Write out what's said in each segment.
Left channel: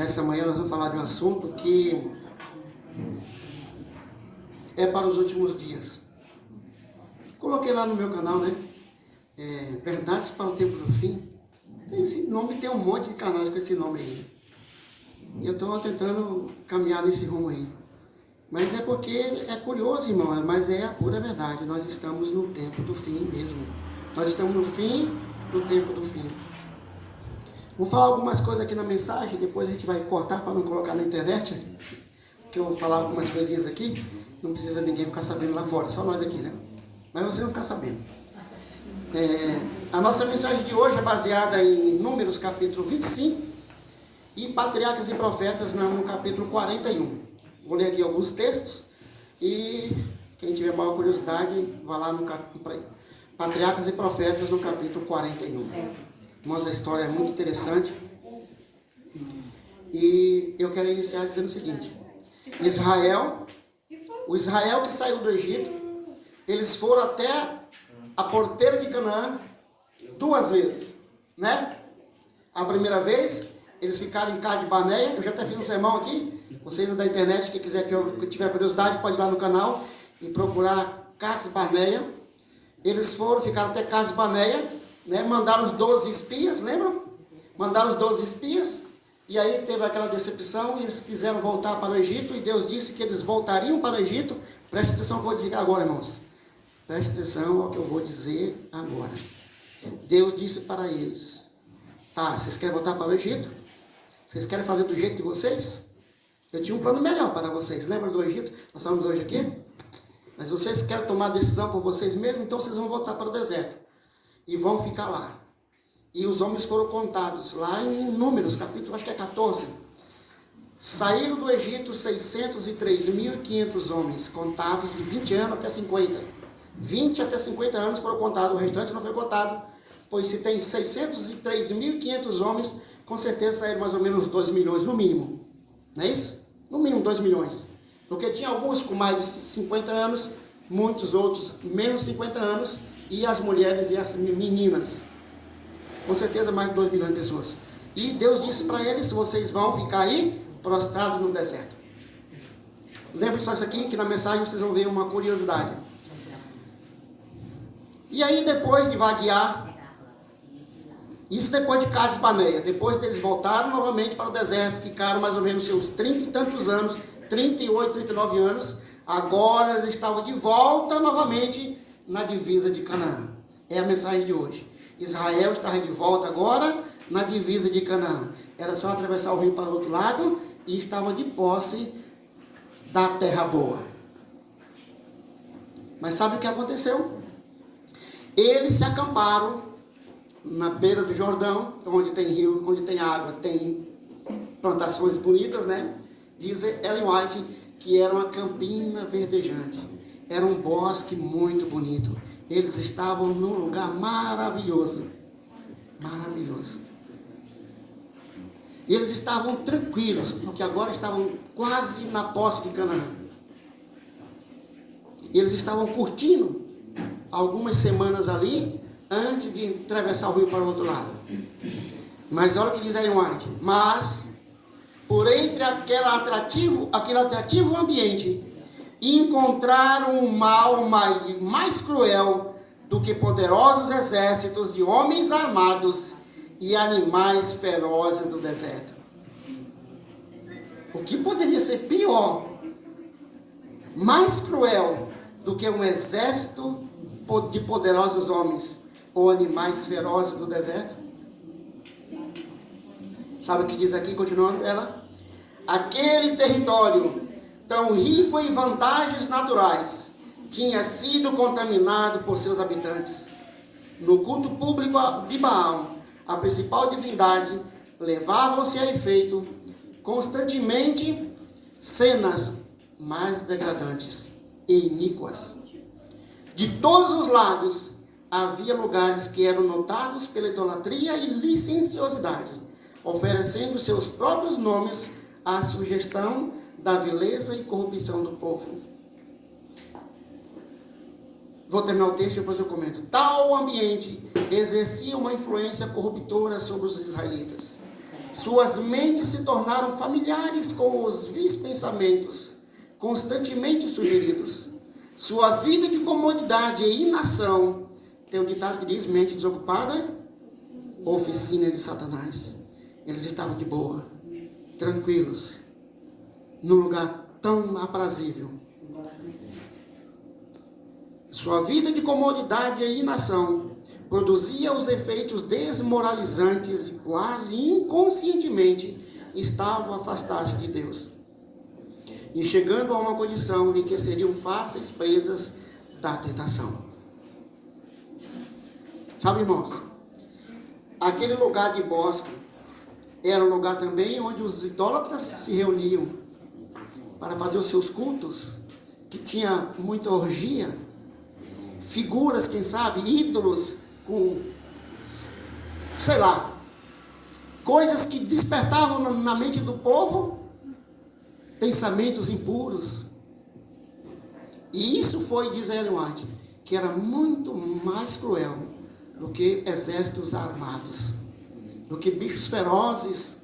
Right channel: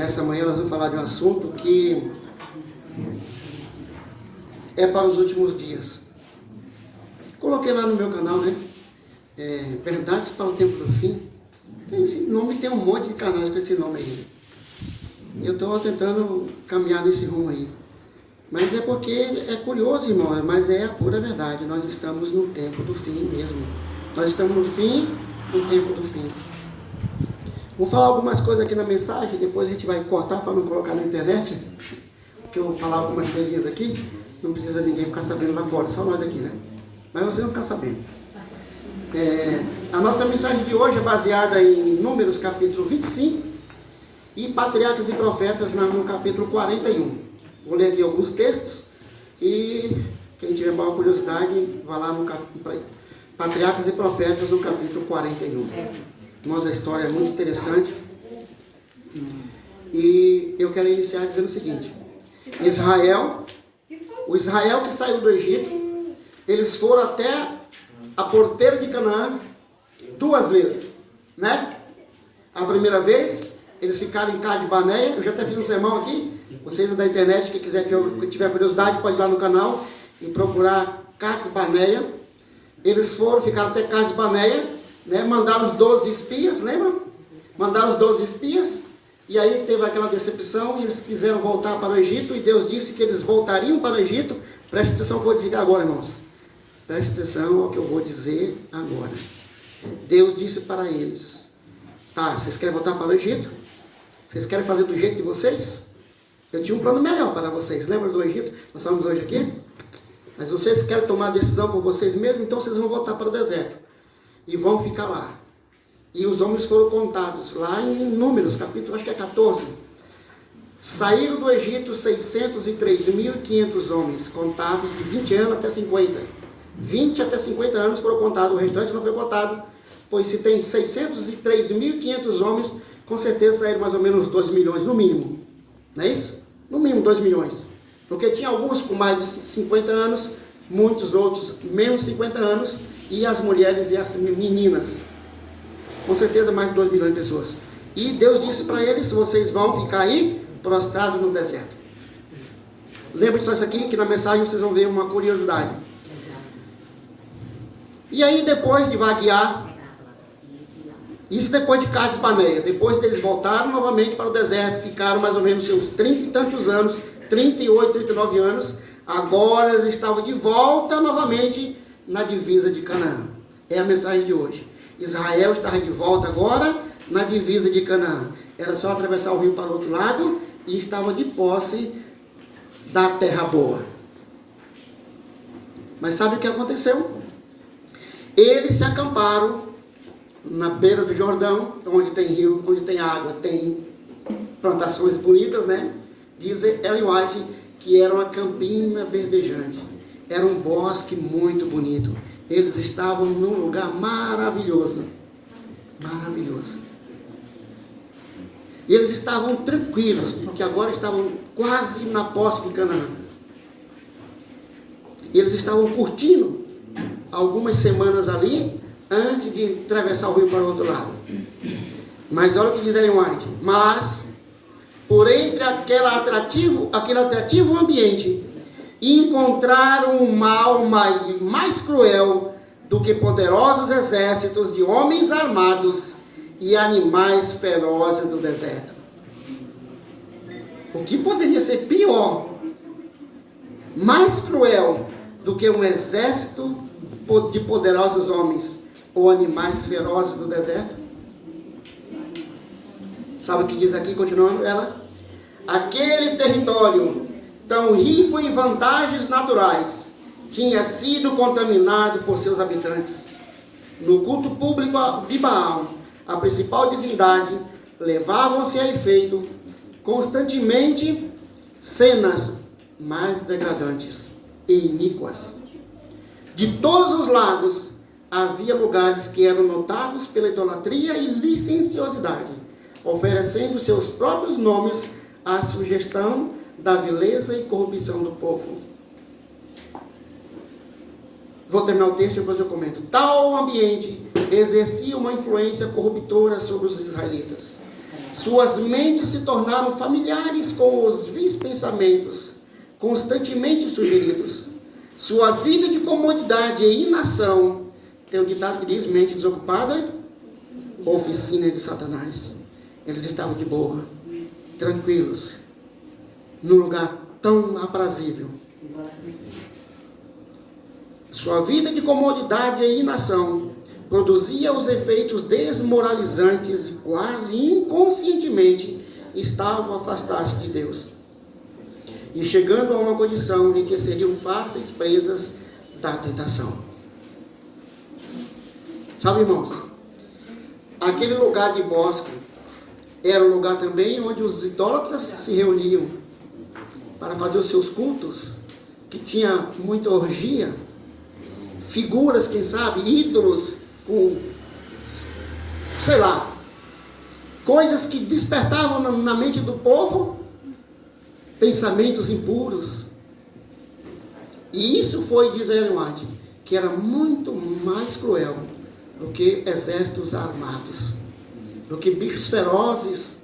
Nessa manhã nós vamos falar de um assunto que é para os últimos dias. Coloquei lá no meu canal, né? Verdades para o tempo do fim. Esse nome, tem um monte de canais com esse nome aí. Eu estou tentando caminhar nesse rumo aí. Mas é porque é curioso, irmão, mas é a pura verdade. Nós estamos no tempo do fim mesmo. Nós estamos no fim do tempo do fim. Vou falar algumas coisas aqui na mensagem, depois a gente vai cortar para não colocar na internet. Que eu vou falar algumas coisinhas aqui. Não precisa ninguém ficar sabendo lá fora, só nós aqui, né? Mas você não ficar sabendo. A nossa mensagem de hoje é baseada em Números capítulo 25 e Patriarcas e Profetas no capítulo 41. Vou ler aqui alguns textos e quem tiver maior curiosidade, vai lá no Patriarcas e Profetas no capítulo 41. Nossa história é muito interessante. E eu quero iniciar dizendo o seguinte: o Israel que saiu do Egito, eles foram até a porteira de Canaã 2 vezes, né? A primeira vez, eles ficaram em Cades Barneia. Eu já até fiz um sermão aqui. Vocês da internet, quem quiser, que tiver curiosidade, pode ir lá no canal e procurar Cades Barneia. Eles ficaram até Cades Barneia, né? Mandaram os 12 espias, lembram? Mandaram os 12 espias, e aí teve aquela decepção, e eles quiseram voltar para o Egito, e Deus disse que eles voltariam para o Egito. Preste atenção ao que eu vou dizer agora, irmãos. Preste atenção ao que eu vou dizer agora. Deus disse para eles: tá, vocês querem voltar para o Egito? Vocês querem fazer do jeito de vocês? Eu tinha um plano melhor para vocês. Lembra do Egito? Nós estamos hoje aqui. Mas vocês querem tomar a decisão por vocês mesmos, então vocês vão voltar para o deserto. E vão ficar lá. E os homens foram contados lá em Números, capítulo, acho que é 14. Saíram do Egito 603.500 homens, contados de 20 anos até 50. 20 até 50 anos foram contados, o restante não foi contado. Pois se tem 603.500 homens, com certeza saíram mais ou menos 2 milhões, no mínimo. Não é isso? No mínimo 2 milhões. Porque tinha alguns com mais de 50 anos, muitos outros menos de 50 anos, e as mulheres e as meninas. Com certeza mais de 2 milhões de pessoas. E Deus disse para eles: vocês vão ficar aí prostrados no deserto. Lembre-se disso aqui, que na mensagem vocês vão ver uma curiosidade. E aí, depois de vaguear, isso depois de Cades Barneia, depois eles voltaram novamente para o deserto, ficaram mais ou menos seus 30 e tantos anos, 38, 39 anos, agora eles estavam de volta novamente na divisa de Canaã. É a mensagem de hoje. Israel estava de volta agora na divisa de Canaã. Era só atravessar o rio para o outro lado e estava de posse da terra boa. Mas sabe o que aconteceu? Eles se acamparam na beira do Jordão, onde tem rio, onde tem água, tem plantações bonitas, né? Diz Ellen White que era uma campina verdejante, era um bosque muito bonito. Eles estavam num lugar maravilhoso, maravilhoso. E eles estavam tranquilos, porque agora estavam quase na posse de Canaã. E eles estavam curtindo algumas semanas ali, antes de atravessar o rio para o outro lado. Mas olha o que diz Ellen White: mas, por entre aquele atrativo ambiente, encontraram um mal mais cruel do que poderosos exércitos de homens armados e animais ferozes do deserto. O que poderia ser pior, mais cruel do que um exército de poderosos homens ou animais ferozes do deserto? Sabe o que diz aqui, continuando ela? Aquele território, tão rico em vantagens naturais, tinha sido contaminado por seus habitantes. No culto público de Baal, a principal divindade, levavam-se a efeito constantemente cenas mais degradantes e iníquas. De todos os lados, havia lugares que eram notados pela idolatria e licenciosidade, oferecendo seus próprios nomes à sugestão da vileza e corrupção do povo. Vou terminar o texto e depois eu comento. Tal ambiente exercia uma influência corruptora sobre os israelitas. Suas mentes se tornaram familiares com os vis pensamentos, constantemente sugeridos. Sua vida de comodidade e inação, tem um ditado que diz, mente desocupada, oficina de Satanás. Eles estavam de boa, tranquilos, num lugar tão aprazível. Sua vida de comodidade e inação produzia os efeitos desmoralizantes e quase inconscientemente estavam a afastar-se de Deus. E chegando a uma condição em que seriam fáceis presas da tentação. Sabe, irmãos, aquele lugar de bosque era um lugar também onde os idólatras se reuniam para fazer os seus cultos, que tinha muita orgia, figuras, quem sabe, ídolos, com, sei lá, coisas que despertavam na mente do povo pensamentos impuros. E isso foi, diz Ellen White, que era muito mais cruel do que exércitos armados, do que bichos ferozes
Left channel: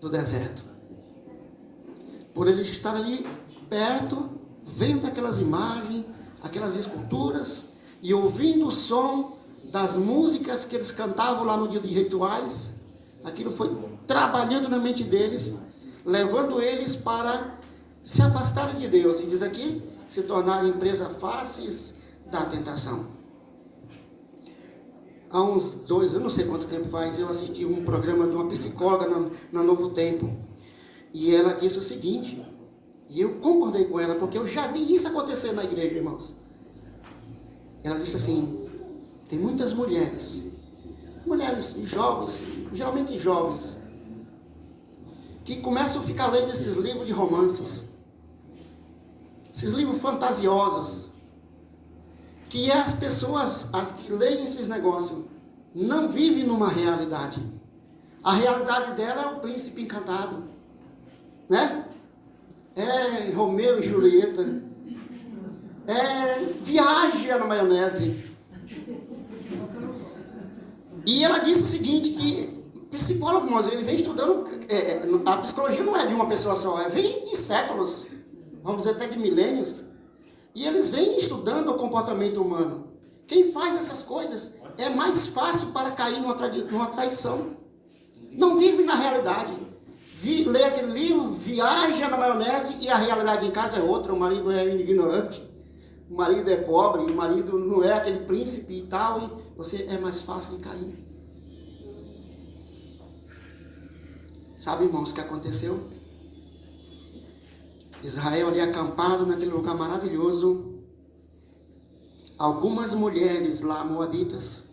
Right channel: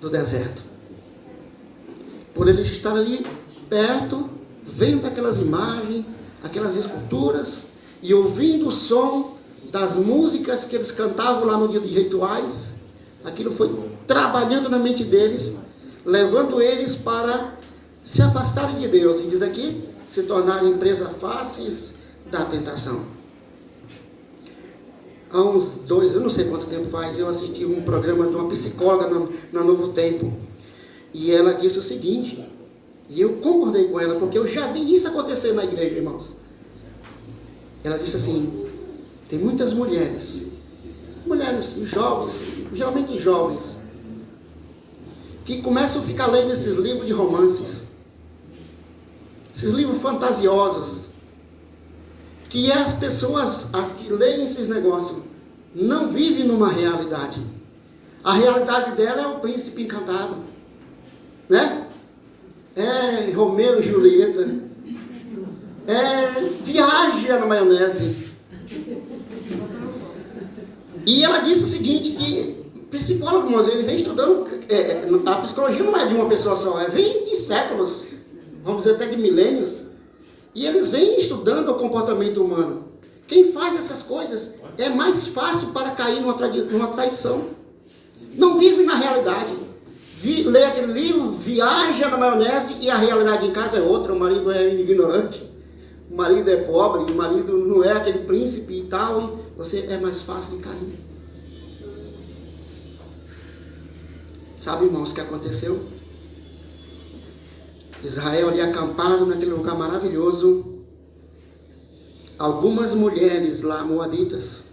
do deserto. Por eles estar ali perto, vendo aquelas imagens, aquelas esculturas, e ouvindo o som das músicas que eles cantavam lá no dia de rituais, aquilo foi trabalhando na mente deles, levando eles para se afastarem de Deus, e diz aqui, se tornarem presas fáceis da tentação. Há uns 2, eu não sei quanto tempo faz, eu assisti um programa de uma psicóloga na Novo Tempo, e ela disse o seguinte, e eu concordei com ela, porque eu já vi isso acontecer na igreja, irmãos. Ela disse assim, tem muitas mulheres jovens, geralmente jovens, que começam a ficar lendo esses livros de romances, esses livros fantasiosos, que as pessoas, as que leem esses negócios, não vivem numa realidade. A realidade dela é o príncipe encantado, né? É Romeu e Julieta, é viagem na maionese. E ela disse o seguinte, que psicólogo, irmãos, ele vem estudando, a psicologia não é de uma pessoa só, vem de séculos, vamos dizer até de milênios, e eles vêm estudando o comportamento humano. Quem faz essas coisas é mais fácil para cair numa traição. Não vive na realidade. Lê aquele livro, viaja na maionese, e a realidade em casa é outra, o marido é ignorante, o marido é pobre, o marido não é aquele príncipe e tal, e você é mais fácil de cair. Sabe, irmãos, o que aconteceu? Israel ali acampado naquele lugar maravilhoso, algumas mulheres lá, moabitas,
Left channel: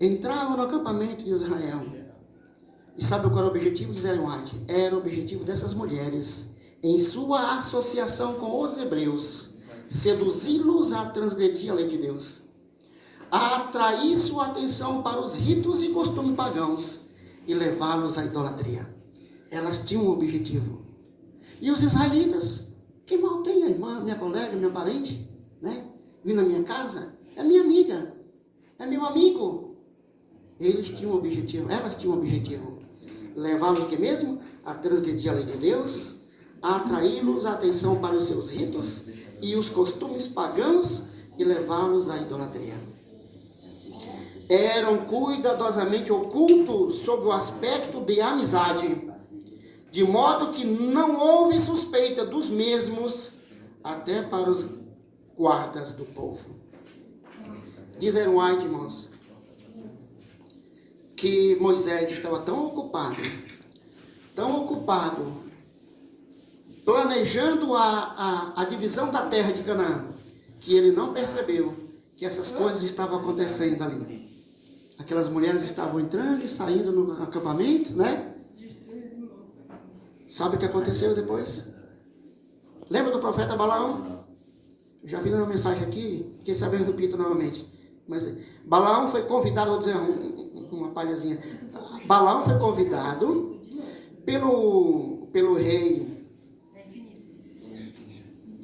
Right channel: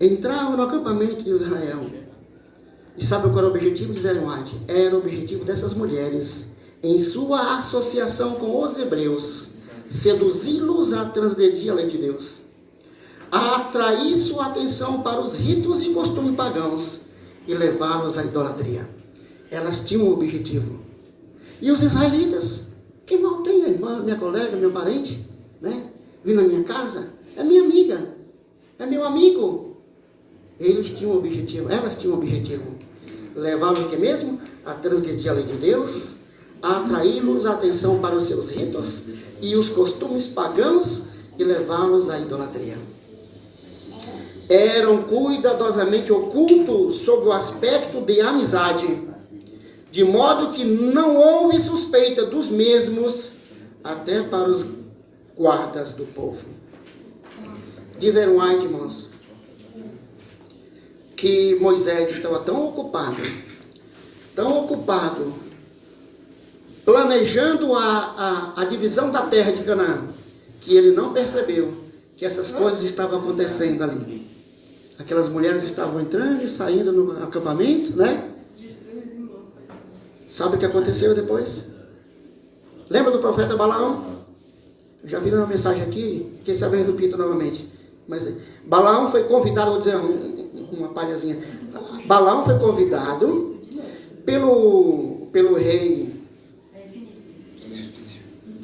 entravam no acampamento de Israel. E sabe qual era o objetivo de Ellen White? Era o objetivo dessas mulheres, em sua associação com os hebreus, seduzi-los a transgredir a lei de Deus, a atrair sua atenção para os ritos e costumes pagãos e levá-los à idolatria. Elas tinham um objetivo. E os israelitas, que mal tem a irmã, minha colega, meu parente, né? Vindo na minha casa, é minha amiga, é meu amigo. Eles tinham um objetivo, elas tinham um objetivo. Levá-los o que mesmo? A transgredir a lei de Deus, a atraí-los a atenção para os seus ritos e os costumes pagãos e levá-los à idolatria. Eram cuidadosamente ocultos sob o aspecto de amizade, de modo que não houve suspeita dos mesmos até para os guardas do povo. Diz Ellen White, irmãos, que Moisés estava tão ocupado, planejando a divisão da terra de Canaã, que ele não percebeu que essas coisas estavam acontecendo ali. Aquelas mulheres estavam entrando e saindo no acampamento, né? Sabe o que aconteceu depois? Lembra do profeta Balaão? Eu já vi uma mensagem aqui, quem sabe eu repito novamente. Mas Balaão foi convidado, vou dizer uma palhazinha. Balaão foi convidado pelo rei,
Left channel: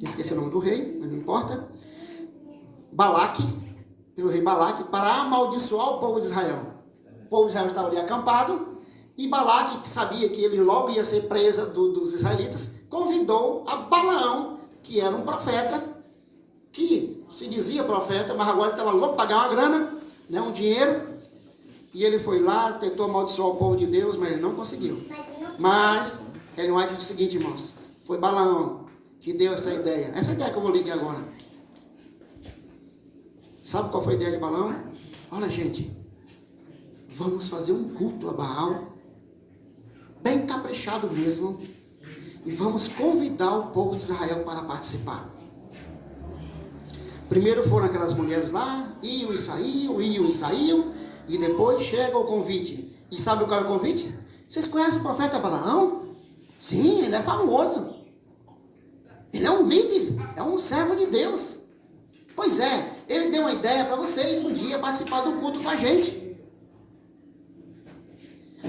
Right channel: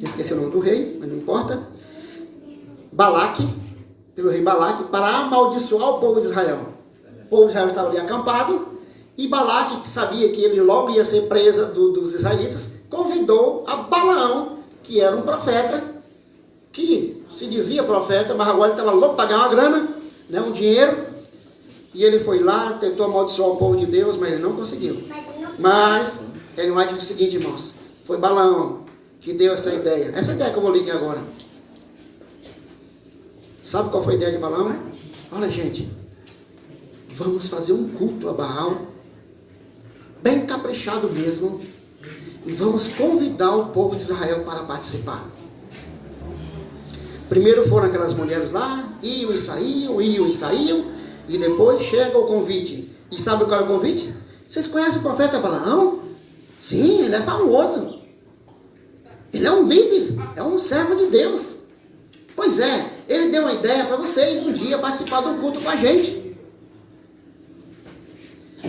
esqueci o nome do rei, mas não importa, pelo rei Balaque, para amaldiçoar o povo de Israel. povo de Israel estava ali acampado, e Balaque, que sabia que ele logo ia ser presa dos israelitas, convidou a Balaão, que era um profeta, que se dizia profeta, mas agora ele estava louco para ganhar uma grana, né, um dinheiro, e ele foi lá, tentou amaldiçoar o povo de Deus, mas ele não conseguiu. Mas Ellen White diz o seguinte, irmãos, foi Balaão que deu essa ideia que eu vou ler aqui agora. Sabe qual foi a ideia de Balaão? Olha, gente, vamos fazer um culto a Baal, bem caprichado mesmo, e vamos convidar o povo de Israel para participar. Primeiro foram aquelas mulheres lá, iam e saíam, e depois chega o convite. E sabe qual é o convite? Vocês conhecem o profeta Balaão? Sim, ele é famoso. Ele é um líder, é um servo de Deus. Pois é, ele deu uma ideia para vocês um dia participar de um culto com a gente.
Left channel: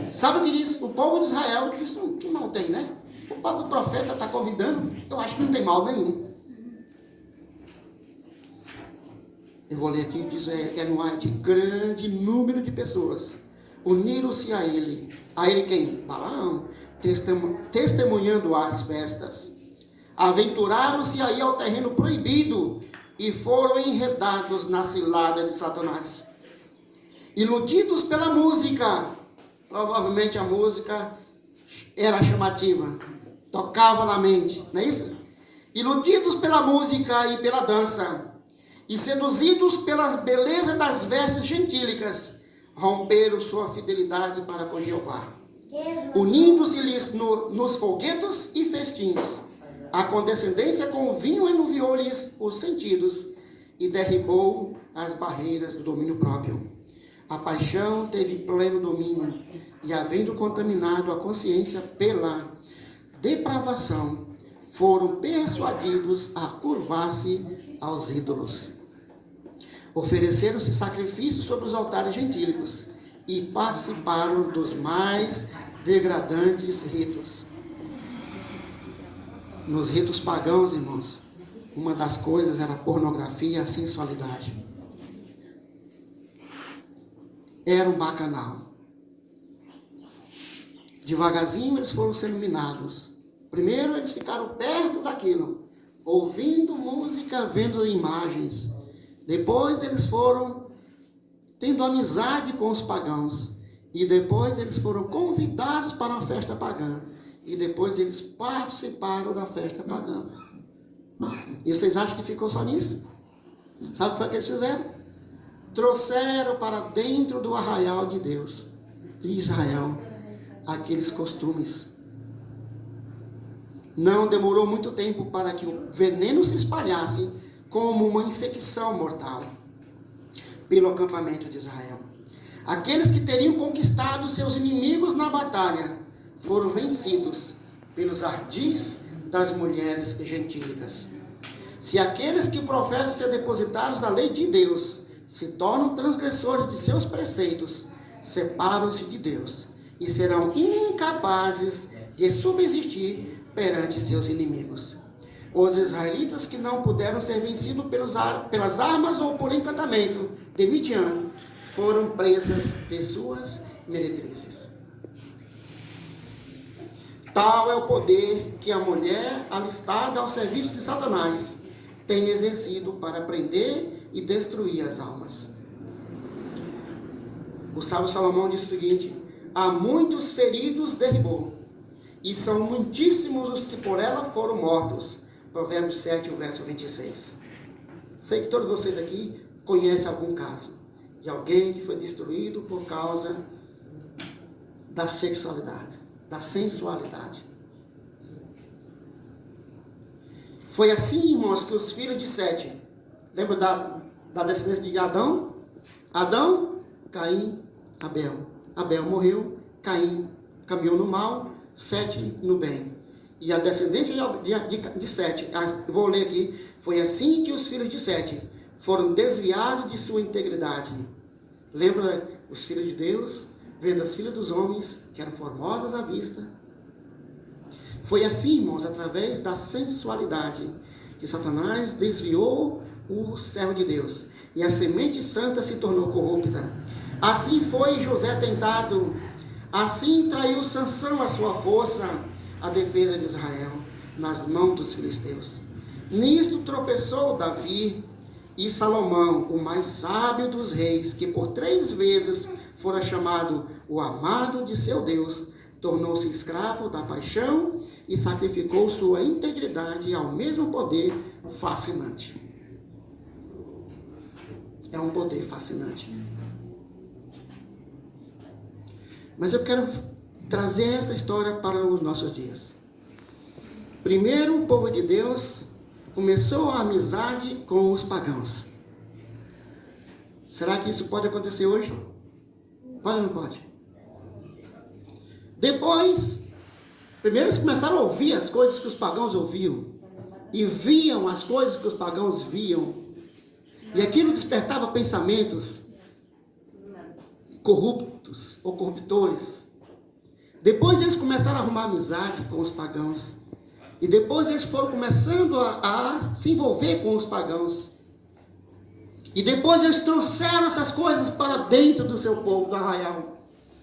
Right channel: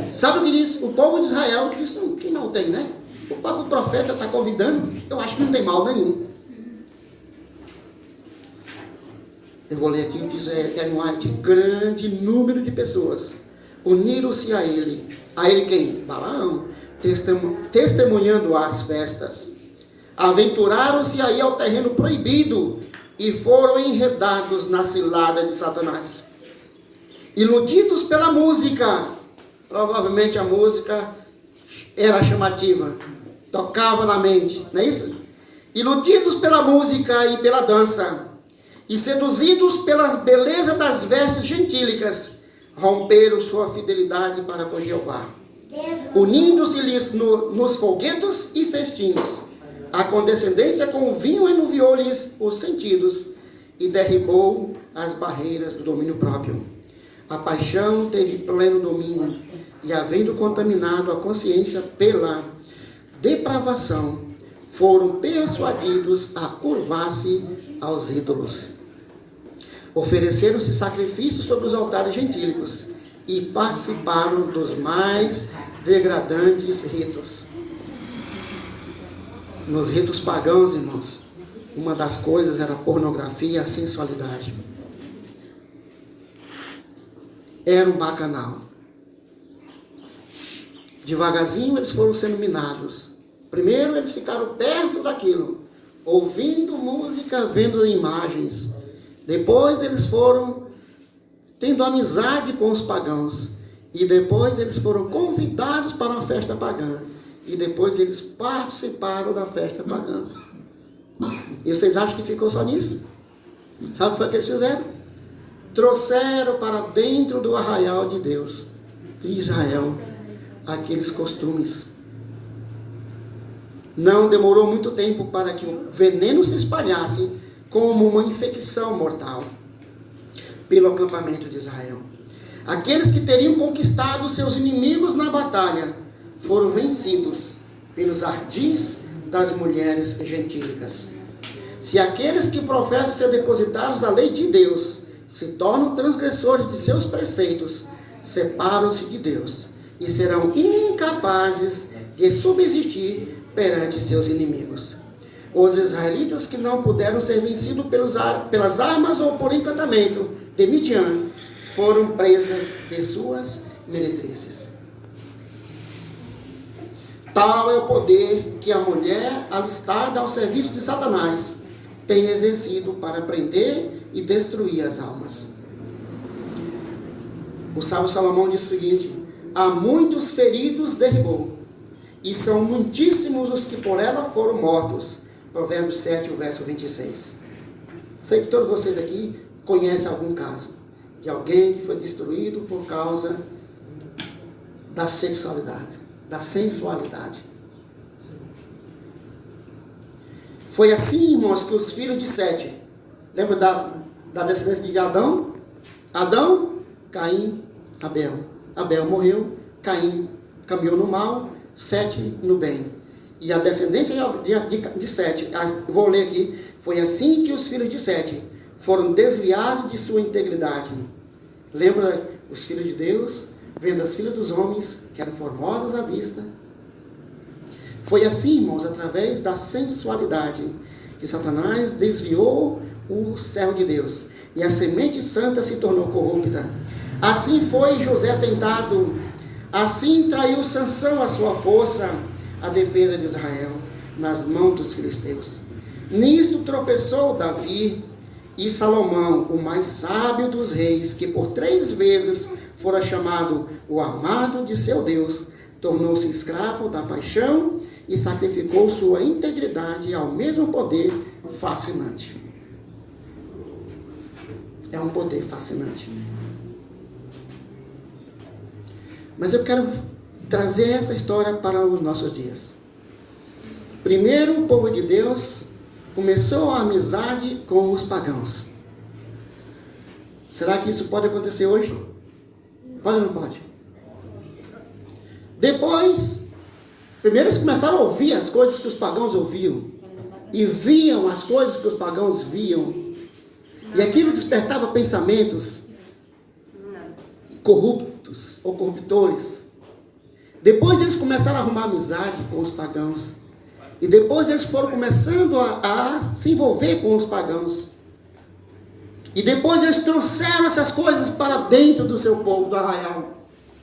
Sabe o que diz? O povo de Israel disse, que mal tem, né? O próprio profeta está convidando, eu acho que não tem mal nenhum. Eu vou ler aqui, diz Ellen White, grande número de pessoas uniram-se a ele. A ele quem? Balaão, testemunhando as festas. Aventuraram-se aí ao terreno proibido e foram enredados na cilada de Satanás. Iludidos pela música, provavelmente a música era chamativa, tocava na mente, não é isso? Iludidos pela música e pela dança, e seduzidos pela beleza das vestes gentílicas, romperam sua fidelidade para com Jeová, unindo-se-lhes nos folguedos e festins. A condescendência com o vinho enuviou-lhes os sentidos e derribou as barreiras do domínio próprio. A paixão teve pleno domínio e, havendo contaminado a consciência pela depravação, foram persuadidos a curvar-se aos ídolos. Ofereceram-se sacrifícios sobre os altares gentílicos e participaram dos mais degradantes ritos. Nos ritos pagãos, irmãos, uma das coisas era a pornografia e a sensualidade. Era um bacanal. Devagarzinho eles foram sendo minados. Primeiro eles ficaram perto daquilo, ouvindo música, vendo imagens. Depois eles foram tendo amizade com os pagãos. E depois eles foram convidados para uma festa pagã. E depois eles participaram da festa pagã. E vocês acham que ficou só nisso? Sabe o que foi que eles fizeram? Trouxeram para dentro do arraial de Deus, de Israel, aqueles costumes. Não demorou muito tempo para que o veneno se espalhasse como uma infecção mortal pelo acampamento de Israel. Aqueles que teriam conquistado seus inimigos na batalha foram vencidos pelos ardis das mulheres gentílicas. Se aqueles que professam ser depositados da lei de Deus se tornam transgressores de seus preceitos, separam-se de Deus e serão incapazes de subsistir perante seus inimigos. Os israelitas que não puderam ser vencidos pelas armas ou por encantamento de Midian foram presas de suas meretrizes. Tal é o poder que a mulher alistada ao serviço de Satanás tem exercido para prender e destruir as almas. O sábio Salomão diz o seguinte: há muitos feridos derribou, e são muitíssimos os que por ela foram mortos. Provérbios 7, o verso 26. Sei que todos vocês aqui conhecem algum caso de alguém que foi destruído por causa da sexualidade, da sensualidade. Foi assim, irmãos, que os filhos de Sete, lembra da descendência de Adão? Adão, Caim, Abel. Abel morreu, Caim caminhou no mal, Sete no bem. E a descendência de Sete, vou ler aqui, foi assim que os filhos de Sete foram desviados de sua integridade. Lembra os filhos de Deus, vendo as filhas dos homens, que eram formosas à vista. Foi assim, irmãos, através da sensualidade, que Satanás desviou o servo de Deus. E a semente santa se tornou corrupta. Assim foi José tentado, assim traiu Sansão a sua força, a defesa de Israel, nas mãos dos filisteus. Nisto tropeçou Davi e Salomão, o mais sábio dos reis, que por 3 vezes fora chamado o amado de seu Deus, tornou-se escravo da paixão e sacrificou sua integridade ao mesmo poder fascinante. É um poder fascinante. Mas eu quero trazer essa história para os nossos dias. Primeiro, o povo de Deus começou a amizade com os pagãos. Será que isso pode acontecer hoje? Pode ou não pode? Depois, primeiro eles começaram a ouvir as coisas que os pagãos ouviam. E viam as coisas que os pagãos viam. E aquilo despertava pensamentos corruptos ou corruptores. Depois eles começaram a arrumar amizade com os pagãos. E depois eles foram começando a se envolver com os pagãos. E depois eles trouxeram essas coisas para dentro do seu povo, do arraial.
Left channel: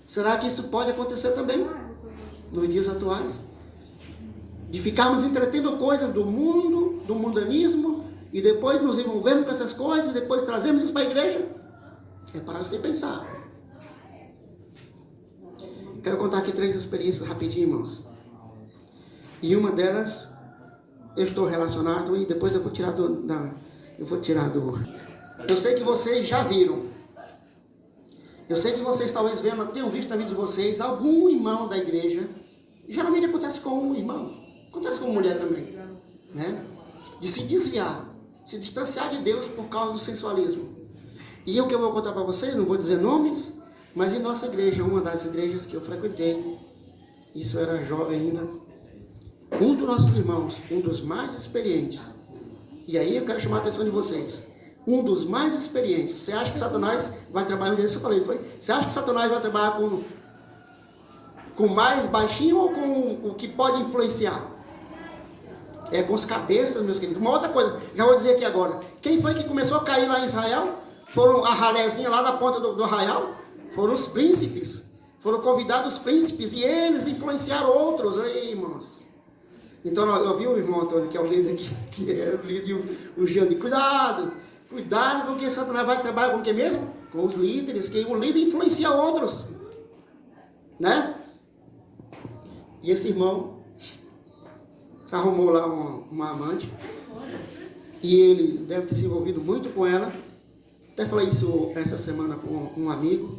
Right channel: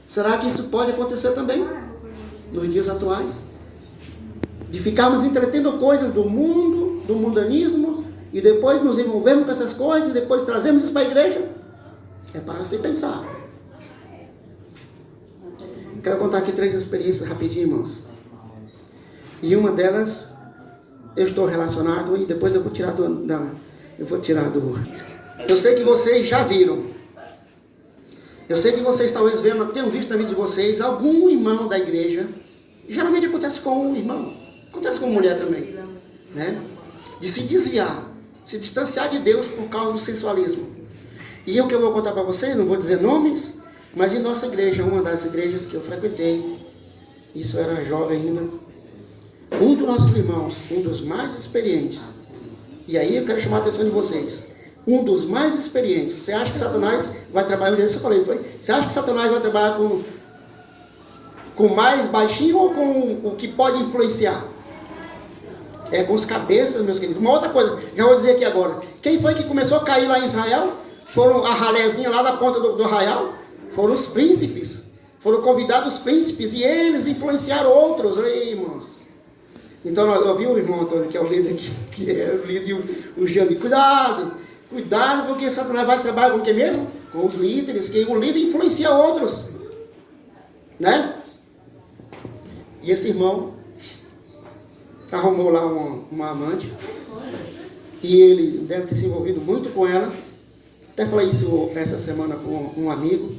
Será que isso pode acontecer também nos dias atuais? De ficarmos entretendo coisas do mundo, do mundanismo, e depois nos envolvemos com essas coisas, e depois trazemos isso para a igreja? É para você pensar. Quero contar aqui 3 experiências rapidinho, irmãos. E uma delas, eu estou relacionado, e depois eu vou tirar Eu sei que vocês já viram. Eu sei que vocês talvez tenham visto na vida de vocês algum irmão da igreja. Geralmente acontece com um irmão. Acontece com mulher também. Né? De se desviar, se distanciar de Deus por causa do sensualismo. E o que eu vou contar para vocês, não vou dizer nomes, mas em nossa igreja, uma das igrejas que eu frequentei, isso eu era jovem ainda, um dos nossos irmãos, um dos mais experientes, e aí eu quero chamar a atenção de vocês, um dos mais experientes. Você acha que Satanás vai trabalhar, isso eu falei, foi? Você acha que Satanás vai trabalhar com mais baixinho ou com o que pode influenciar? É com os cabeças, meus queridos. Uma outra coisa, já vou dizer aqui agora. Quem foi que começou a cair lá em Israel? Foram a ralézinha lá da ponta do arraial? Foram os príncipes. Foram convidados os príncipes e eles influenciaram outros. Aí, irmãos. Então, eu vi o irmão Antônio, que é o líder, que é o líder, o Jean. Cuidado, porque Satanás vai trabalhar com o que mesmo? Com os líderes, que o líder influencia outros. Né? E esse irmão arrumou lá uma amante, e ele deve ter se envolvido muito com ela. Até falei isso essa semana com um amigo.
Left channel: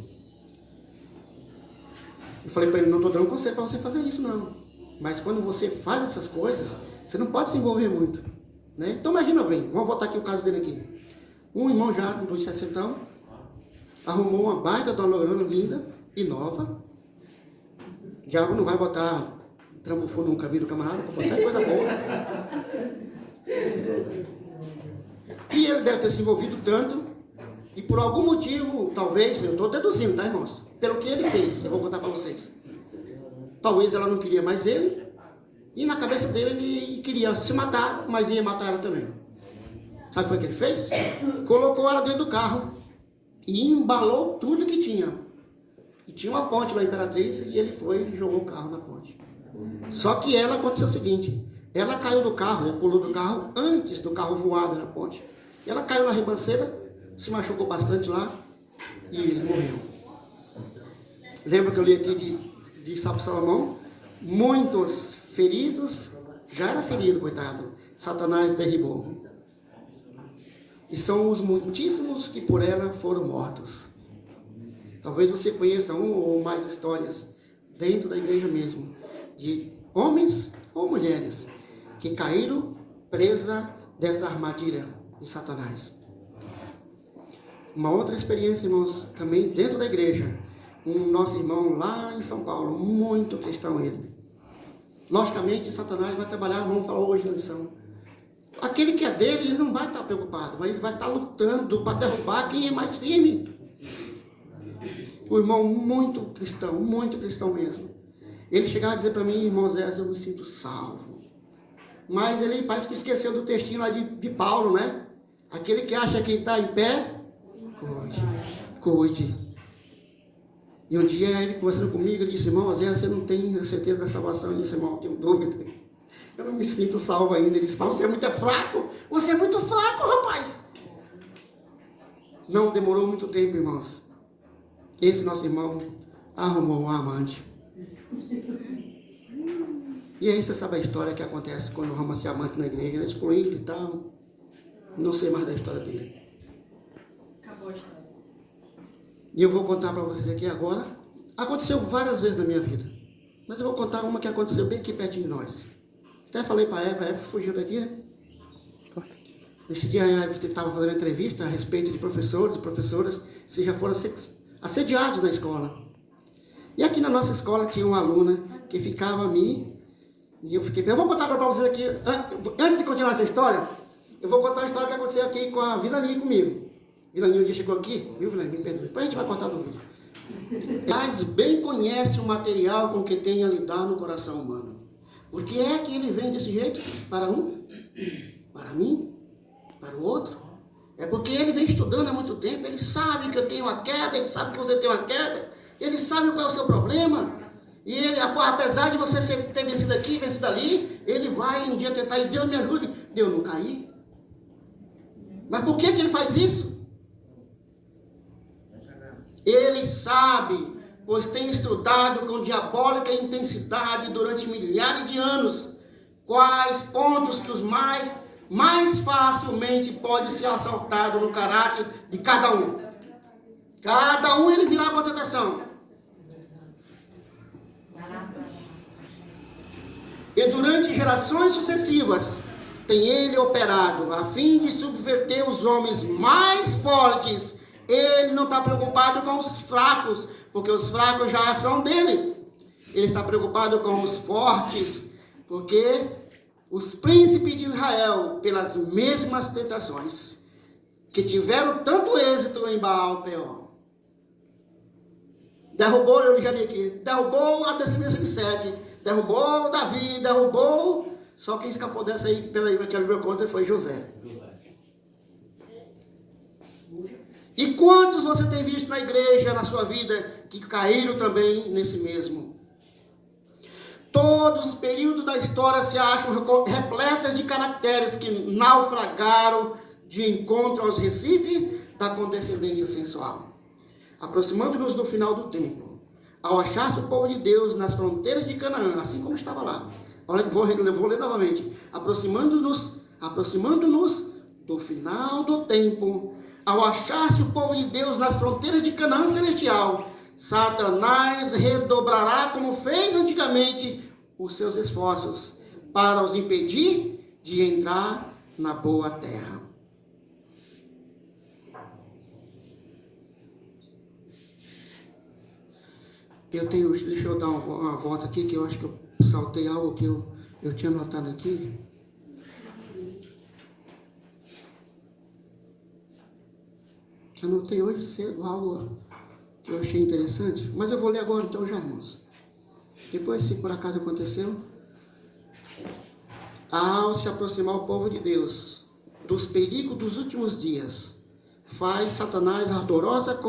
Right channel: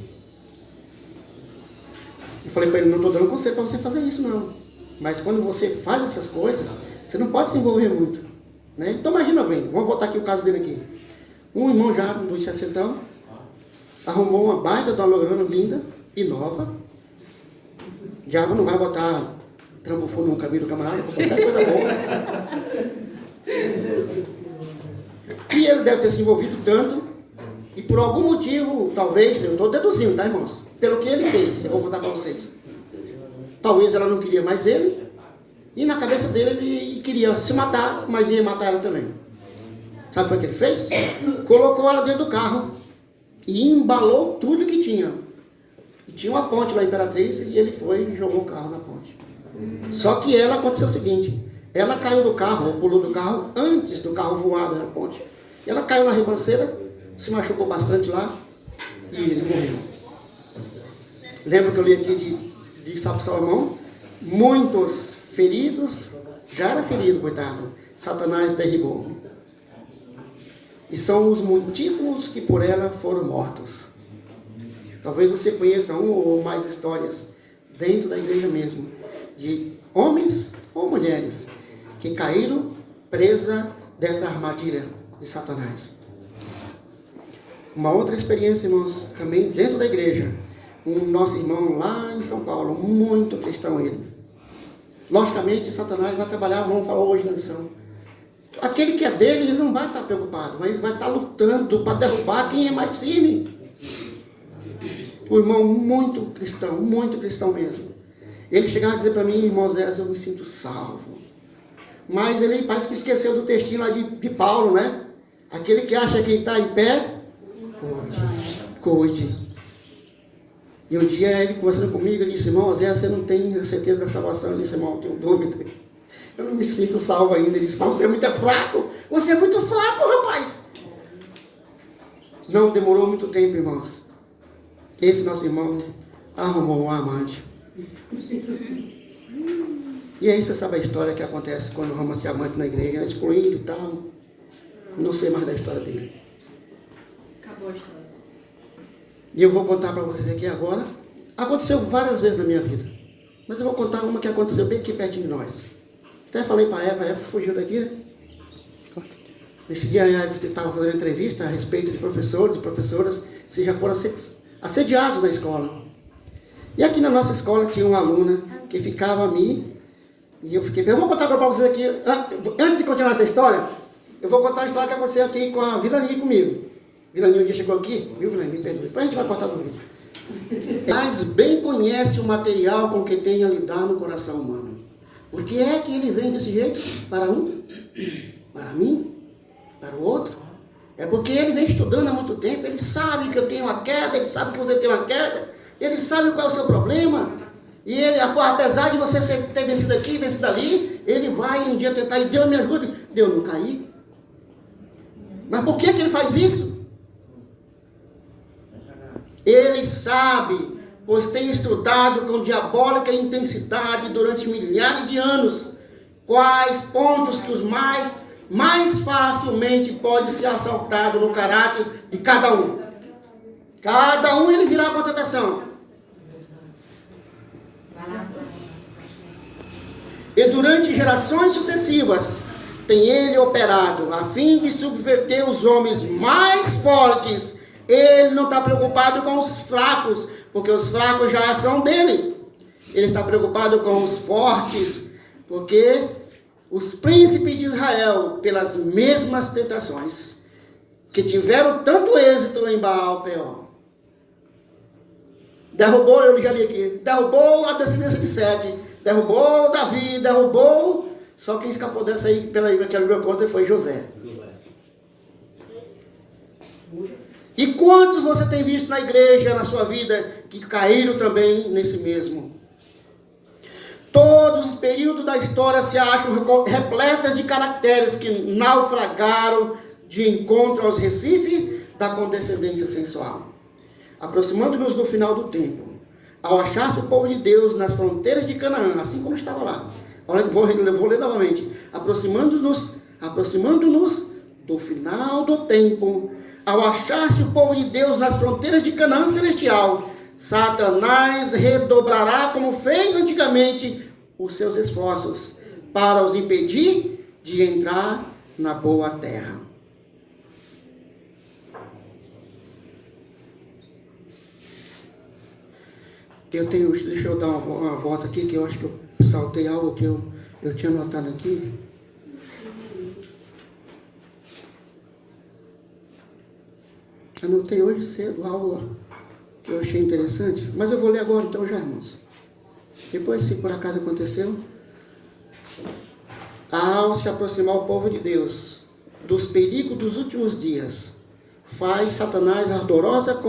E falei para ele, não estou dando conselho para você fazer isso não, mas quando você faz essas coisas, você não pode se envolver muito, né? Então imagina bem, vamos voltar aqui o caso dele aqui. Um irmão já dos 60 arrumou uma baita de uma loirona linda e nova. Já não vai botar trampo fundo no cabelo do camarada, para botar coisa boa. E ele deve ter se envolvido tanto, e por algum motivo, talvez, eu estou deduzindo, tá, irmãos? Pelo que ele fez, eu vou contar para vocês. Talvez ela não queria mais ele, e na cabeça dele ele queria se matar, mas ia matar ela também. Sabe o que foi que ele fez? Colocou ela dentro do carro e embalou tudo que tinha. E tinha uma ponte lá, Imperatriz, e ele foi e jogou o carro na ponte. Só que ela aconteceu o seguinte, ela caiu do carro, ou pulou do carro, antes do carro voar na ponte. E ela caiu na ribanceira, se machucou bastante lá, e ele morreu. Lembra que eu li aqui de Salomão? Muitos feridos, já era ferido, coitado, Satanás derribou. E são os muitíssimos que por ela foram mortos. Talvez você conheça uma ou mais histórias dentro da igreja mesmo, de homens ou mulheres que caíram presa dessa armadilha de Satanás. Uma outra experiência, irmãos, também dentro da igreja, um nosso irmão lá em São Paulo, muito cristão ele. Logicamente, Satanás vai trabalhar, vamos falar hoje na lição. Aquele que é dele, ele não vai estar preocupado, mas ele vai estar lutando para derrubar quem é mais firme. O irmão muito cristão mesmo. Ele chegava a dizer para mim, irmão Zé, eu me sinto salvo. Mas ele parece que esqueceu do textinho lá de Paulo, né? Aquele que acha que está em pé, cuide. E um dia ele conversando comigo, ele disse, irmão, Zé, você não tem certeza da salvação? Eu disse, irmão, eu tenho dúvida. Eu não me sinto salvo ainda. Ele disse, mas você é muito fraco. Você é muito fraco, rapaz. Não demorou muito tempo, irmãos. Esse nosso irmão arrumou um amante. E aí você sabe a história que acontece quando arruma esse amante na igreja. Ele é excluído e tal. Não sei mais da história dele. Acabou a história. E eu vou contar para vocês aqui agora. Aconteceu várias vezes na minha vida. Mas eu vou contar uma que aconteceu bem aqui pertinho de nós. Até falei para a Eva fugiu daqui, né? Nesse dia a Eva estava fazendo entrevista a respeito de professores e professoras se já foram assediados na escola. E aqui na nossa escola tinha uma aluna que ficava a mim, e eu vou contar agora para vocês aqui, antes de continuar essa história, eu vou contar a história que aconteceu aqui com a Vilani comigo. Vilani um dia chegou aqui, viu, Vilani? Me perdoe, depois a gente vai contar do vídeo. Mas bem conhece o material com que tem a lidar no coração humano. Por que é que ele vem desse jeito? Para um? Para mim? Para o outro? É porque ele vem estudando há muito tempo, ele sabe que eu tenho uma queda, ele sabe que você tem uma queda, ele sabe qual é o seu problema, e ele, apesar de você ter vencido aqui, vencido ali, ele vai um dia tentar, e Deus me ajude, Deus não cair. Mas por que ele faz isso? Ele sabe, pois tem estudado com diabólica intensidade durante milhares de anos, quais pontos que os mais facilmente pode ser assaltado no caráter de cada um. Cada um ele virá com tentação. E durante gerações sucessivas, tem ele operado a fim de subverter os homens mais fortes. Ele não está preocupado com os fracos, porque os fracos já são dele. Ele está preocupado com os fortes, porque os príncipes de Israel, pelas mesmas tentações, que tiveram tanto êxito em Baal-Peor, derrubou, eu já li aqui, derrubou a descendência de Sete, derrubou Davi, derrubou, só quem escapou dessa aí, pela aquela coisa, foi José. E quantos você tem visto na igreja, na sua vida, que caíram também nesse mesmo? Todos os períodos da história se acham repletas de caracteres que naufragaram de encontro aos recifes da condescendência sensual. Aproximando-nos do final do tempo, ao achar-se o povo de Deus nas fronteiras de Canaã, assim como estava lá. Olha, vou ler novamente. Aproximando-nos do final do tempo, ao achar-se o povo de Deus nas fronteiras de Canaã celestial, Satanás redobrará, como fez antigamente, os seus esforços para os impedir de entrar na boa terra. Deixa eu dar uma volta aqui, que eu acho que eu saltei algo que eu tinha notado aqui. Eu notei hoje cedo algo que eu achei interessante, mas eu vou ler agora então já, irmãos. Depois, se por acaso aconteceu, ao se aproximar o povo de Deus dos perigos dos últimos dias, faz Satanás ardorosa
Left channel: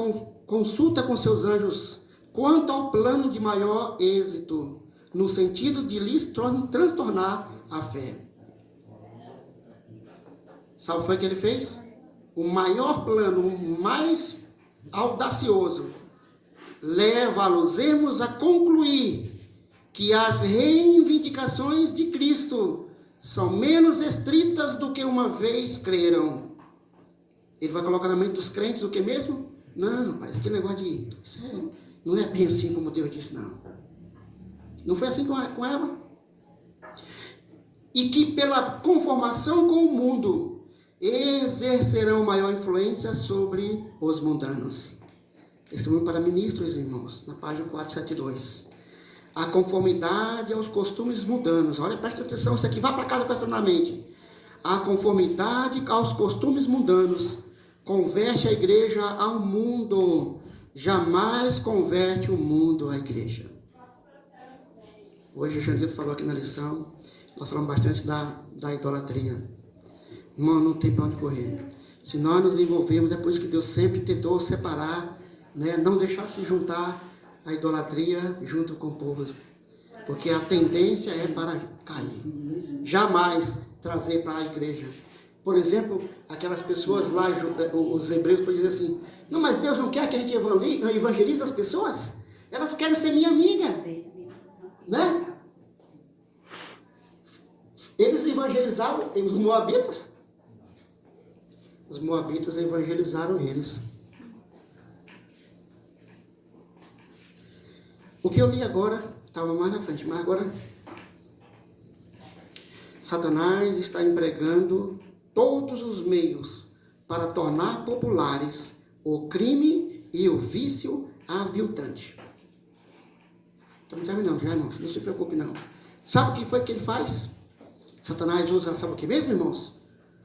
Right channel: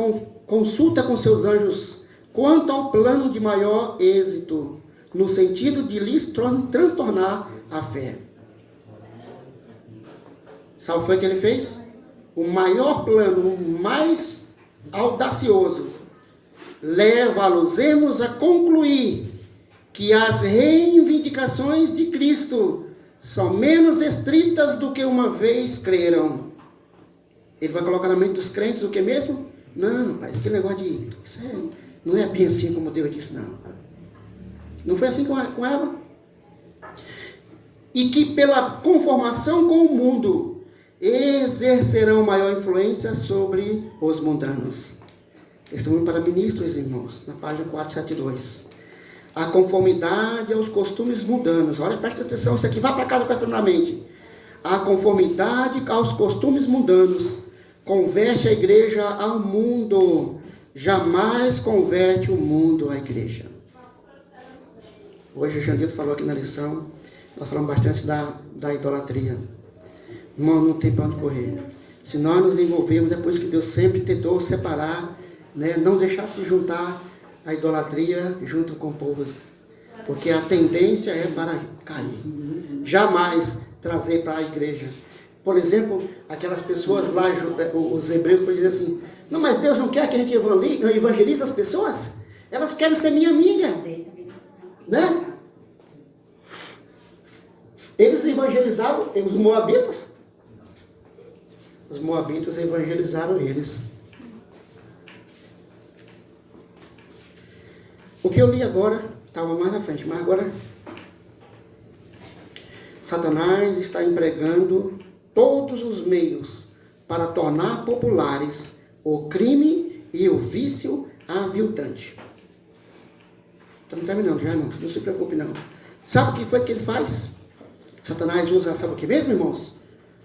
consulta com seus anjos quanto ao plano de maior êxito, no sentido de lhes transtornar a fé. Sabe o que foi que ele fez? O maior plano, o mais audacioso, leva-los a concluir que as reivindicações de Cristo são menos estritas do que uma vez creram. Ele vai colocar na mente dos crentes o que mesmo? Não, rapaz, aquele negócio de... não é bem assim como Deus disse, não. Não foi assim com Eva? E que pela conformação com o mundo exercerão maior influência sobre os mundanos. Testemunho para ministros, irmãos, na página 472. A conformidade aos costumes mundanos. Olha, presta atenção, isso aqui vai para casa com essa na mente. A conformidade aos costumes mundanos converte a igreja ao mundo, jamais converte o mundo à igreja. Hoje o Jandito falou aqui na lição, nós falamos bastante da idolatria. Irmão, não tem para onde correr. Se nós nos envolvermos, é por isso que Deus sempre tentou separar, né, não deixar se juntar a idolatria junto com o povo. Porque a tendência é para cair. Jamais trazer para a igreja. Por exemplo, aquelas pessoas lá, os hebreus, dizem assim, não, mas Deus não quer que a gente evangelize as pessoas? Elas querem ser minha amiga. Né? Eles evangelizaram os moabitas. Os moabitas evangelizaram eles. O que eu li agora, estava mais na frente, mas agora Satanás está empregando todos os meios para tornar populares o crime e o vício aviltante. Estamos terminando já, irmãos, não se preocupe não. Sabe o que foi que ele faz? Satanás usa, sabe o que mesmo, irmãos?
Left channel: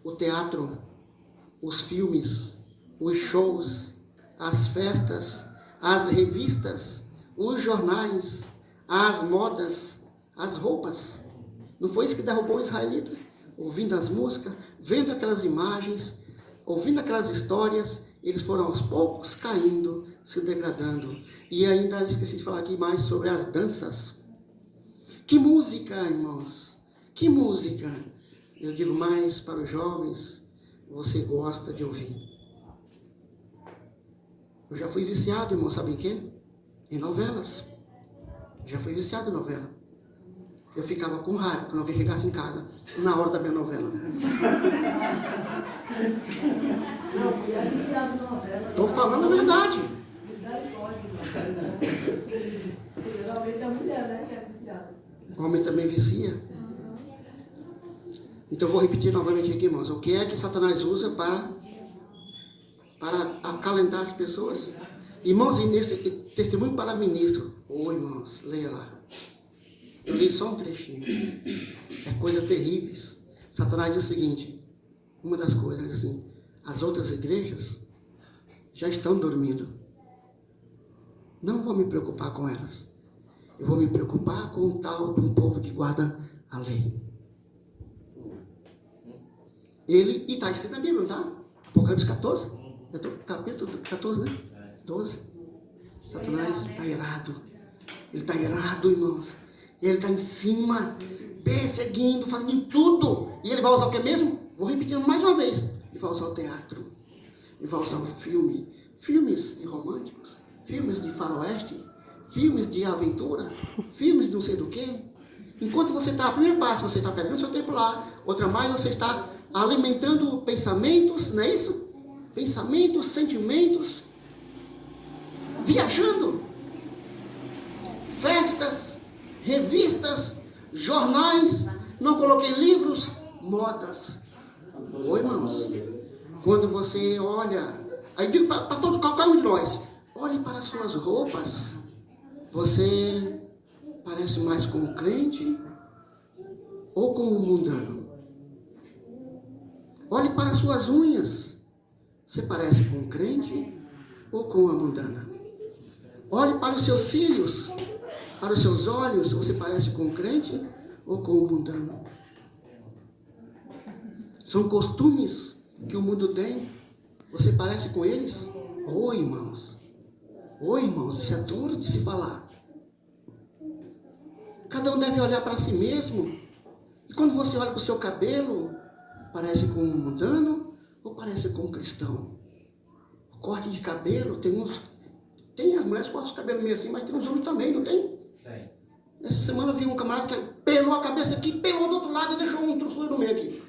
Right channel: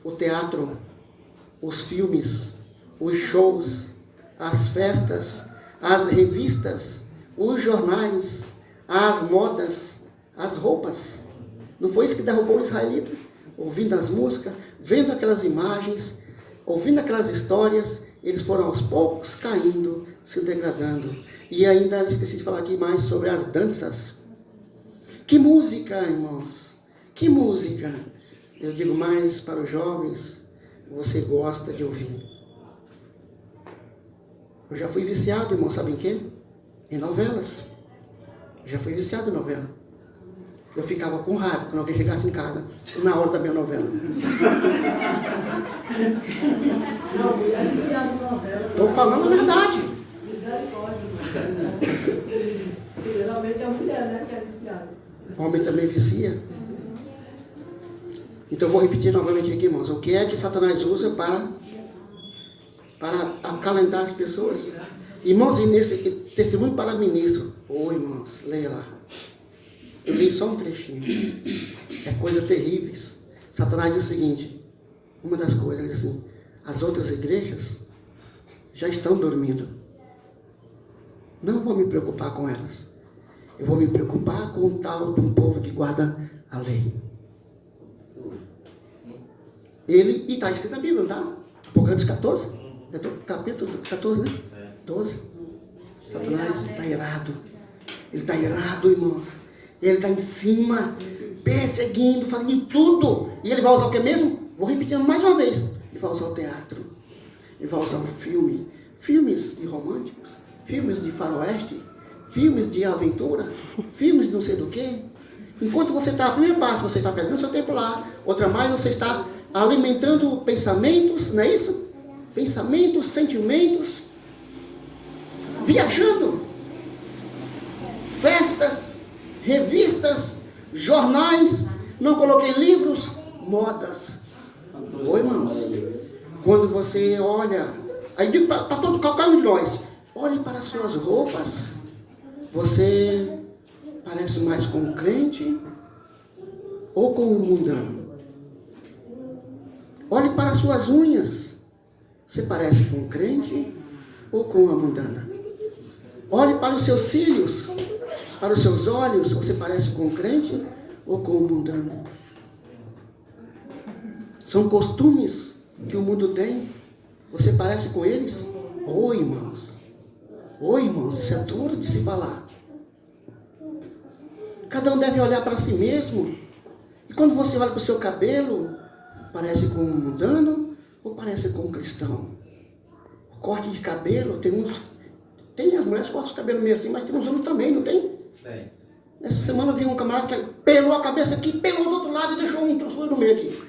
O teatro, os filmes, os shows, as festas, as revistas, os jornais, as modas, as roupas. Não foi isso que derrubou o israelita? Ouvindo as músicas, vendo aquelas imagens, ouvindo aquelas histórias, eles foram aos poucos caindo, se degradando. E ainda esqueci de falar aqui mais sobre as danças. Que música, irmãos! Que música! Eu digo mais para os jovens, você gosta de ouvir. Eu já fui viciado, irmão, sabe em quê? Em novelas. Já fui viciado em novela. Eu ficava com raiva quando alguém chegasse em casa na hora da minha novela. Estou falando a verdade. Geralmente é a mulher, né, que é viciada. O homem também vicia. Então eu vou repetir novamente aqui, irmãos. O que é que Satanás usa para acalentar as pessoas? Irmãos, e nesse testemunho para ministro. Irmãos, leia lá. Eu li só um trechinho. É coisas terríveis. Satanás diz o seguinte. Uma das coisas, ele diz assim. As outras igrejas já estão dormindo. Não vou me preocupar com elas. Eu vou me preocupar com o tal de um povo que guarda a lei. E está escrito na Bíblia, não está? Apocalipse 14. É do capítulo 14, né? 12. Satanás está irado. Ele está irado, irmãos. Ele está em cima, perseguindo, fazendo tudo. E ele vai usar o que mesmo? Vou repetindo mais uma vez. Ele vai usar o teatro. Ele vai usar o filme. Filmes de românticos. Filmes de faroeste. Filmes de aventura. Filmes de não sei do que. Enquanto você está, a primeira parte, você está perdendo seu tempo lá. Outra mais, você está alimentando pensamentos, não é isso? Pensamentos, sentimentos. Viajando. Festas, revistas, jornais, não coloquei livros, modas. Oi, irmãos. Quando você olha, aí digo para todo qualquer um de nós, olhe para as suas roupas. Você parece mais com o crente ou com o mundano? Olhe para as suas unhas. Você parece com o crente ou com a mundana? Olhe para os seus cílios, para os seus olhos. Você parece com o crente ou com o mundano? São costumes que o mundo tem. Você parece com eles? Oi, irmãos. Oi, irmãos. Isso é duro de se falar. Cada um deve olhar para si mesmo. E quando você olha para o seu cabelo, parece com um mundano ou parece com um cristão? O corte de cabelo, tem as mulheres que cortam o cabelo meio assim, mas tem uns homens também, não tem? Tem. Essa semana eu vi um camarada que pelou a cabeça aqui, pelou do outro lado e deixou um troço no meio aqui.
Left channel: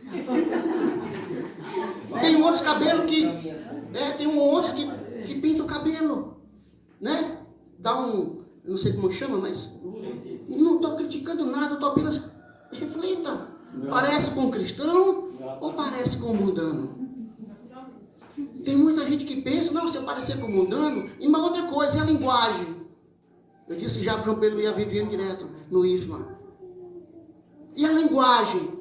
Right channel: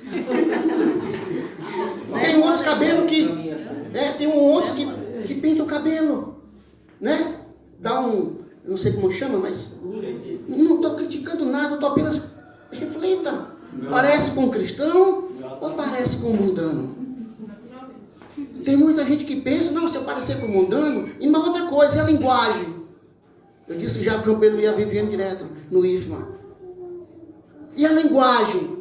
Tem outros cabelos que... tem outros que pintam o cabelo, né? Dá um... não sei como chama, mas... não estou criticando nada, estou apenas... reflita. Parece com um cristão ou parece com um mundano? Tem muita gente que pensa, não, se eu parecer com o mundano, e uma outra coisa, é a linguagem. Eu disse já para o João Pedro ia vivendo direto no IFMA. E a linguagem?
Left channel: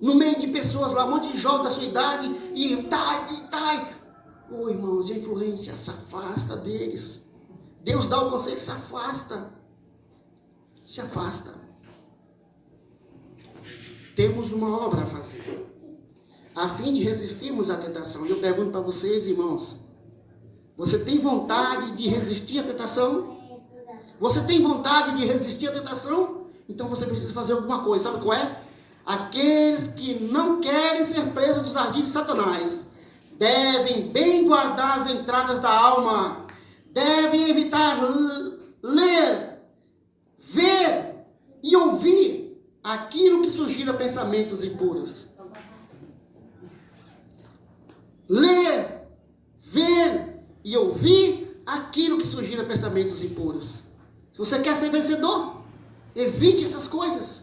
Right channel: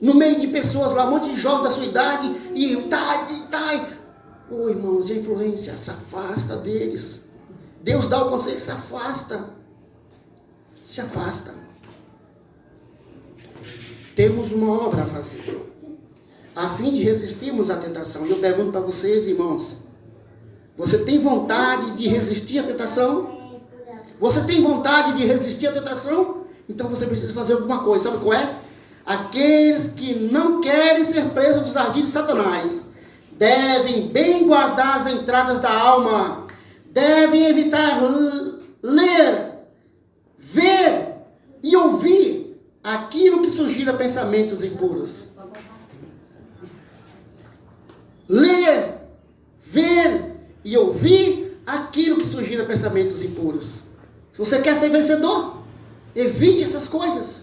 No meio de pessoas lá, um monte de jovens da sua idade, e irmãos, a influência se afasta deles. Deus dá o conselho, se afasta. Se afasta. Temos uma obra a fazer. A fim de resistirmos à tentação. E eu pergunto para vocês, irmãos, você tem vontade de resistir à tentação? Você tem vontade de resistir à tentação? Então você precisa fazer alguma coisa. Sabe qual é? Aqueles que não querem ser presos dos ardis de Satanás devem bem guardar as entradas da alma, devem evitar ler, ver e ouvir aquilo que sugira pensamentos impuros. Ler, ver e ouvir aquilo que sugira pensamentos impuros. Se você quer ser vencedor, evite essas coisas.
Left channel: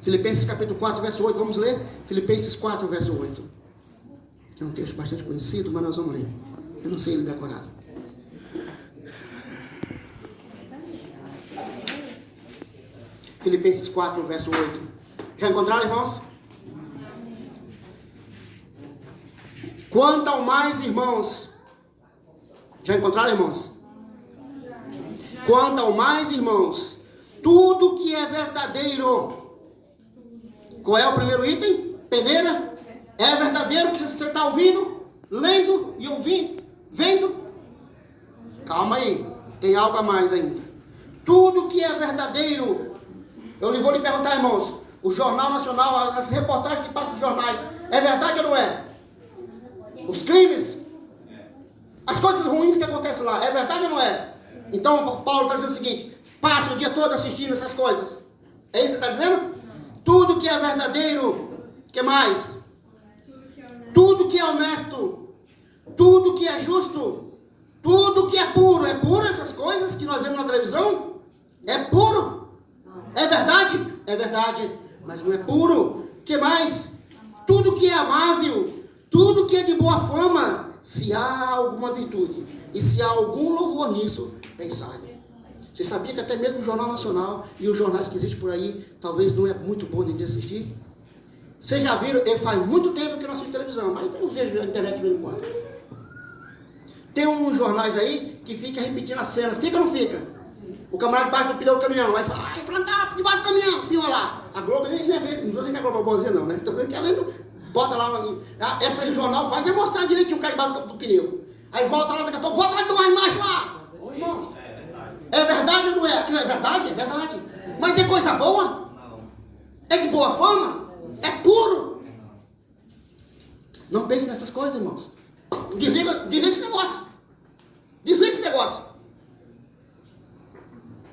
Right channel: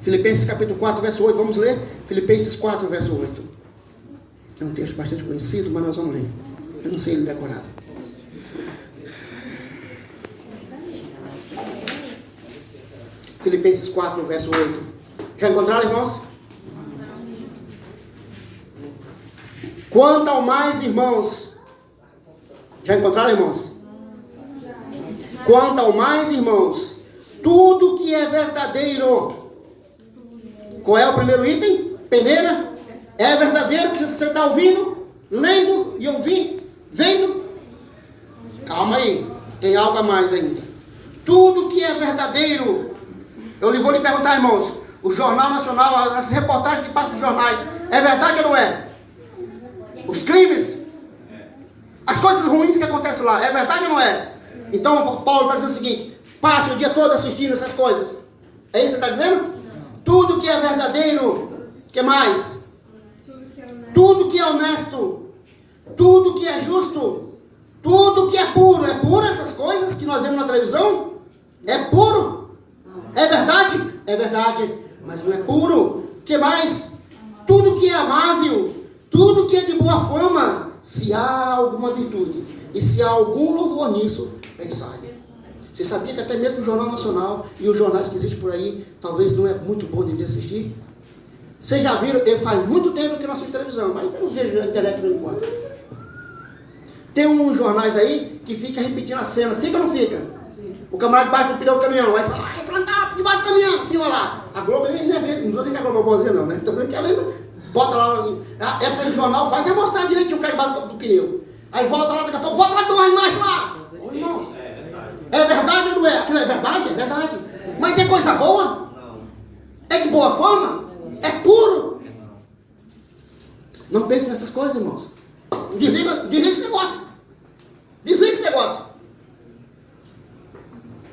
Filipenses capítulo 4, verso 8, vamos ler? Filipenses 4, verso 8. É um texto bastante conhecido, mas nós vamos ler. Eu não sei ele decorado. Filipenses 4, verso 8. Já encontraram, irmãos? Quanto ao mais, irmãos. Já encontraram, irmãos? Quanto ao mais, irmãos, tudo que é verdadeiro. Qual é o primeiro item? Peneira. É verdadeiro que você está ouvindo, lendo e ouvindo, vendo? Calma aí, tem algo a mais ainda. Tudo que é verdadeiro. Eu vou lhe perguntar, irmãos, o Jornal Nacional, as reportagens que passam nos jornais, é verdade ou não é? Os crimes, as coisas ruins que acontecem lá, é verdade ou não é? Então Paulo está dizendo o seguinte: passa o dia todo assistindo essas coisas. É isso que está dizendo? Tudo que é verdadeiro, que mais? Tudo que é honesto, tudo que é justo, tudo que é puro. É puro essas coisas que nós vemos na televisão? É puro? É verdade? É verdade, mas não é puro. Que mais? Tudo que é amável, tudo que é de boa fama, se há alguma virtude e se há algum louvor nisso, pensai. Você sabia que até mesmo o Jornal Nacional e os jornais que existem por aí, talvez não é muito bom de assistir? Vocês já viram, eu faz muito tempo que eu não assisto televisão, mas eu vejo a internet de vez em quando. Tem uns jornais aí que fica repetindo a cena, fica ou não fica? O camarada bate no pneu do caminhão, aí fala, ai, tá, debaixo do caminhão, fila lá. A Globo nem é vendo, não estou dizendo que a Globo é boazinha não, né? Estou dizendo que é vendo, bota lá, essa jornal faz é mostrar direitinho o cara debaixo do pneu. Aí volta lá, daqui a pouco, volta lá, não, embaixo lá. Ô, irmão, é verdade ou não é? Aquilo é verdade? É verdade. Mas é coisa boa? É de boa forma? É puro? Não pense nessas coisas, irmãos. Desliga esse negócio. Desliga esse negócio.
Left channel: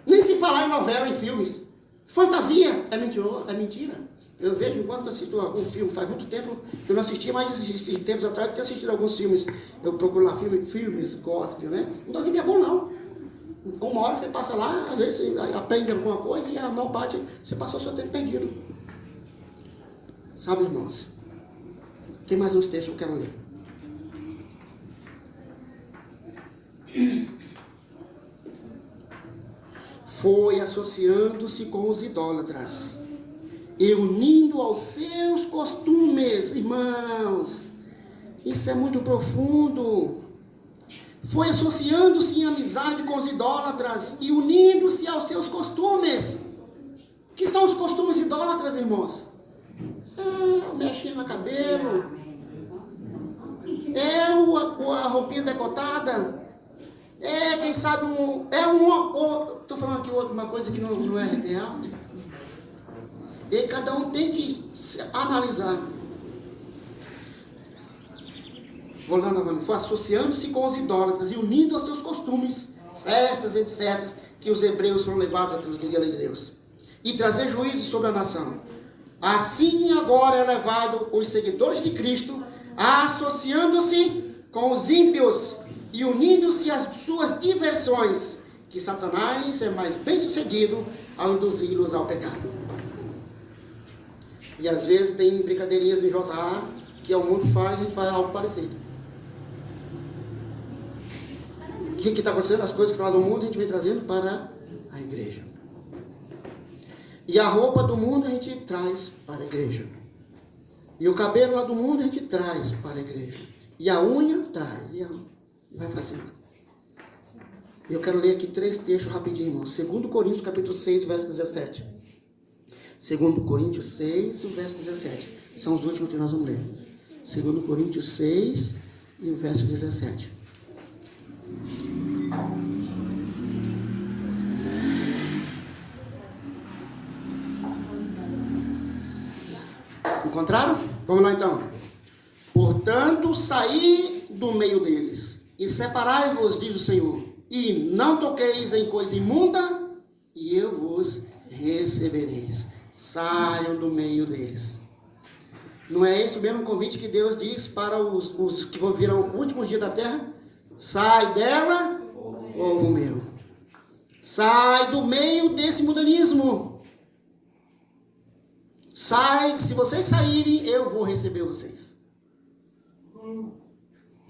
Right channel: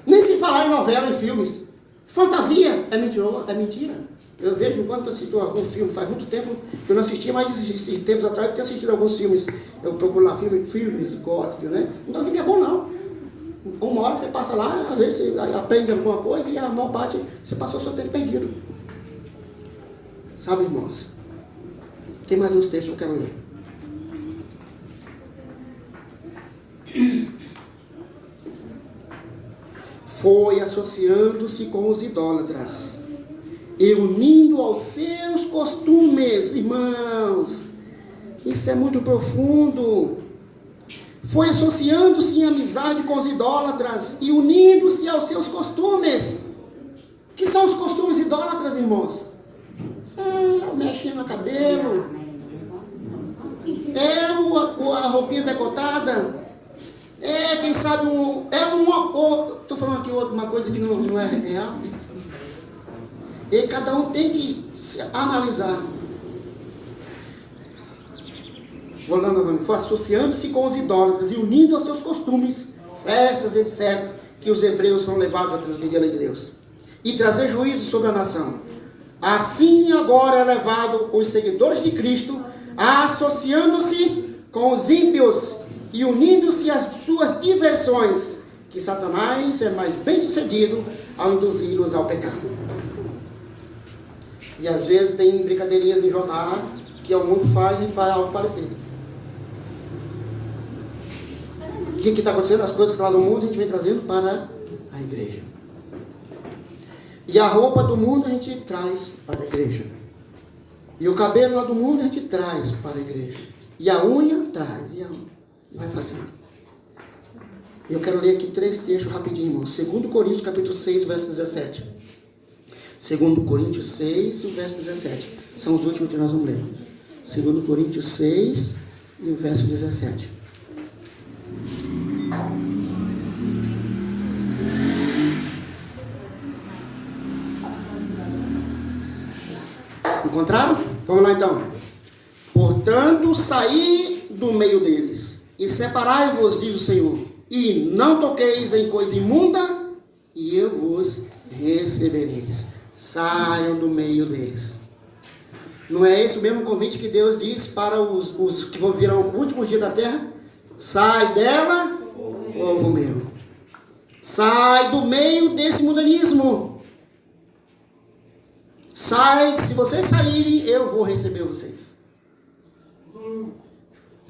Nem se falar em novela, em filmes. Fantasia é mentira. Eu vejo enquanto assisto algum filme, faz muito tempo que eu não assisti, mas esses tempos atrás eu tenho assistido alguns filmes. Eu procuro lá filmes gospel, né? Não estou dizendo que é bom, não. Uma hora que você passa lá, às vezes você aprende alguma coisa e a maior parte você passou o seu tempo perdido. Sabe, irmãos? Tem mais uns textos que eu quero ler. Foi associando-se com os idólatras e unindo aos seus costumes, irmãos. Isso é muito profundo. Foi associando-se em amizade com os idólatras e unindo-se aos seus costumes. Que são os costumes idólatras, irmãos? Mexendo no cabelo, a roupinha decotada, quem sabe estou falando aqui uma coisa que não é real, e cada um tem que se analisar. Vou lá novamente. Foi associando-se com os idólatras e unindo aos seus costumes, festas, etc., que os hebreus foram levados a transgredir a lei de Deus e trazer juízo sobre a nação. Assim agora é levado os seguidores de Cristo, associando-se com os ímpios e unindo-se às suas diversões, que Satanás é mais bem sucedido ao induzi-los ao pecado. E às vezes tem brincadeirinhas no JA que o mundo faz, a gente faz algo parecido. O que está acontecendo? As coisas que estão lá no mundo a gente vem trazendo para a igreja. E a roupa do mundo a gente traz para a igreja. E o cabelo lá do mundo a gente traz para a igreja. E a unha traz. E vai fazendo. Eu quero ler aqui 3 textos rapidinho, irmãos. 2 Coríntios capítulo 6, verso 17. 2 Coríntios 6, verso 17. São os últimos que nós vamos ler. 2 Coríntios 6 e o verso 17. Encontraram? Vamos lá então. Portanto, saí do meio deles, e separai-vos, diz o Senhor, e não toqueis em coisa imunda, e eu vos recebereis. Saiam do meio deles. Não é esse o mesmo convite que Deus diz para os que virão o último dia da terra? Sai dela, povo meu. Sai do meio desse mundanismo. Sai, se vocês saírem, eu vou receber vocês.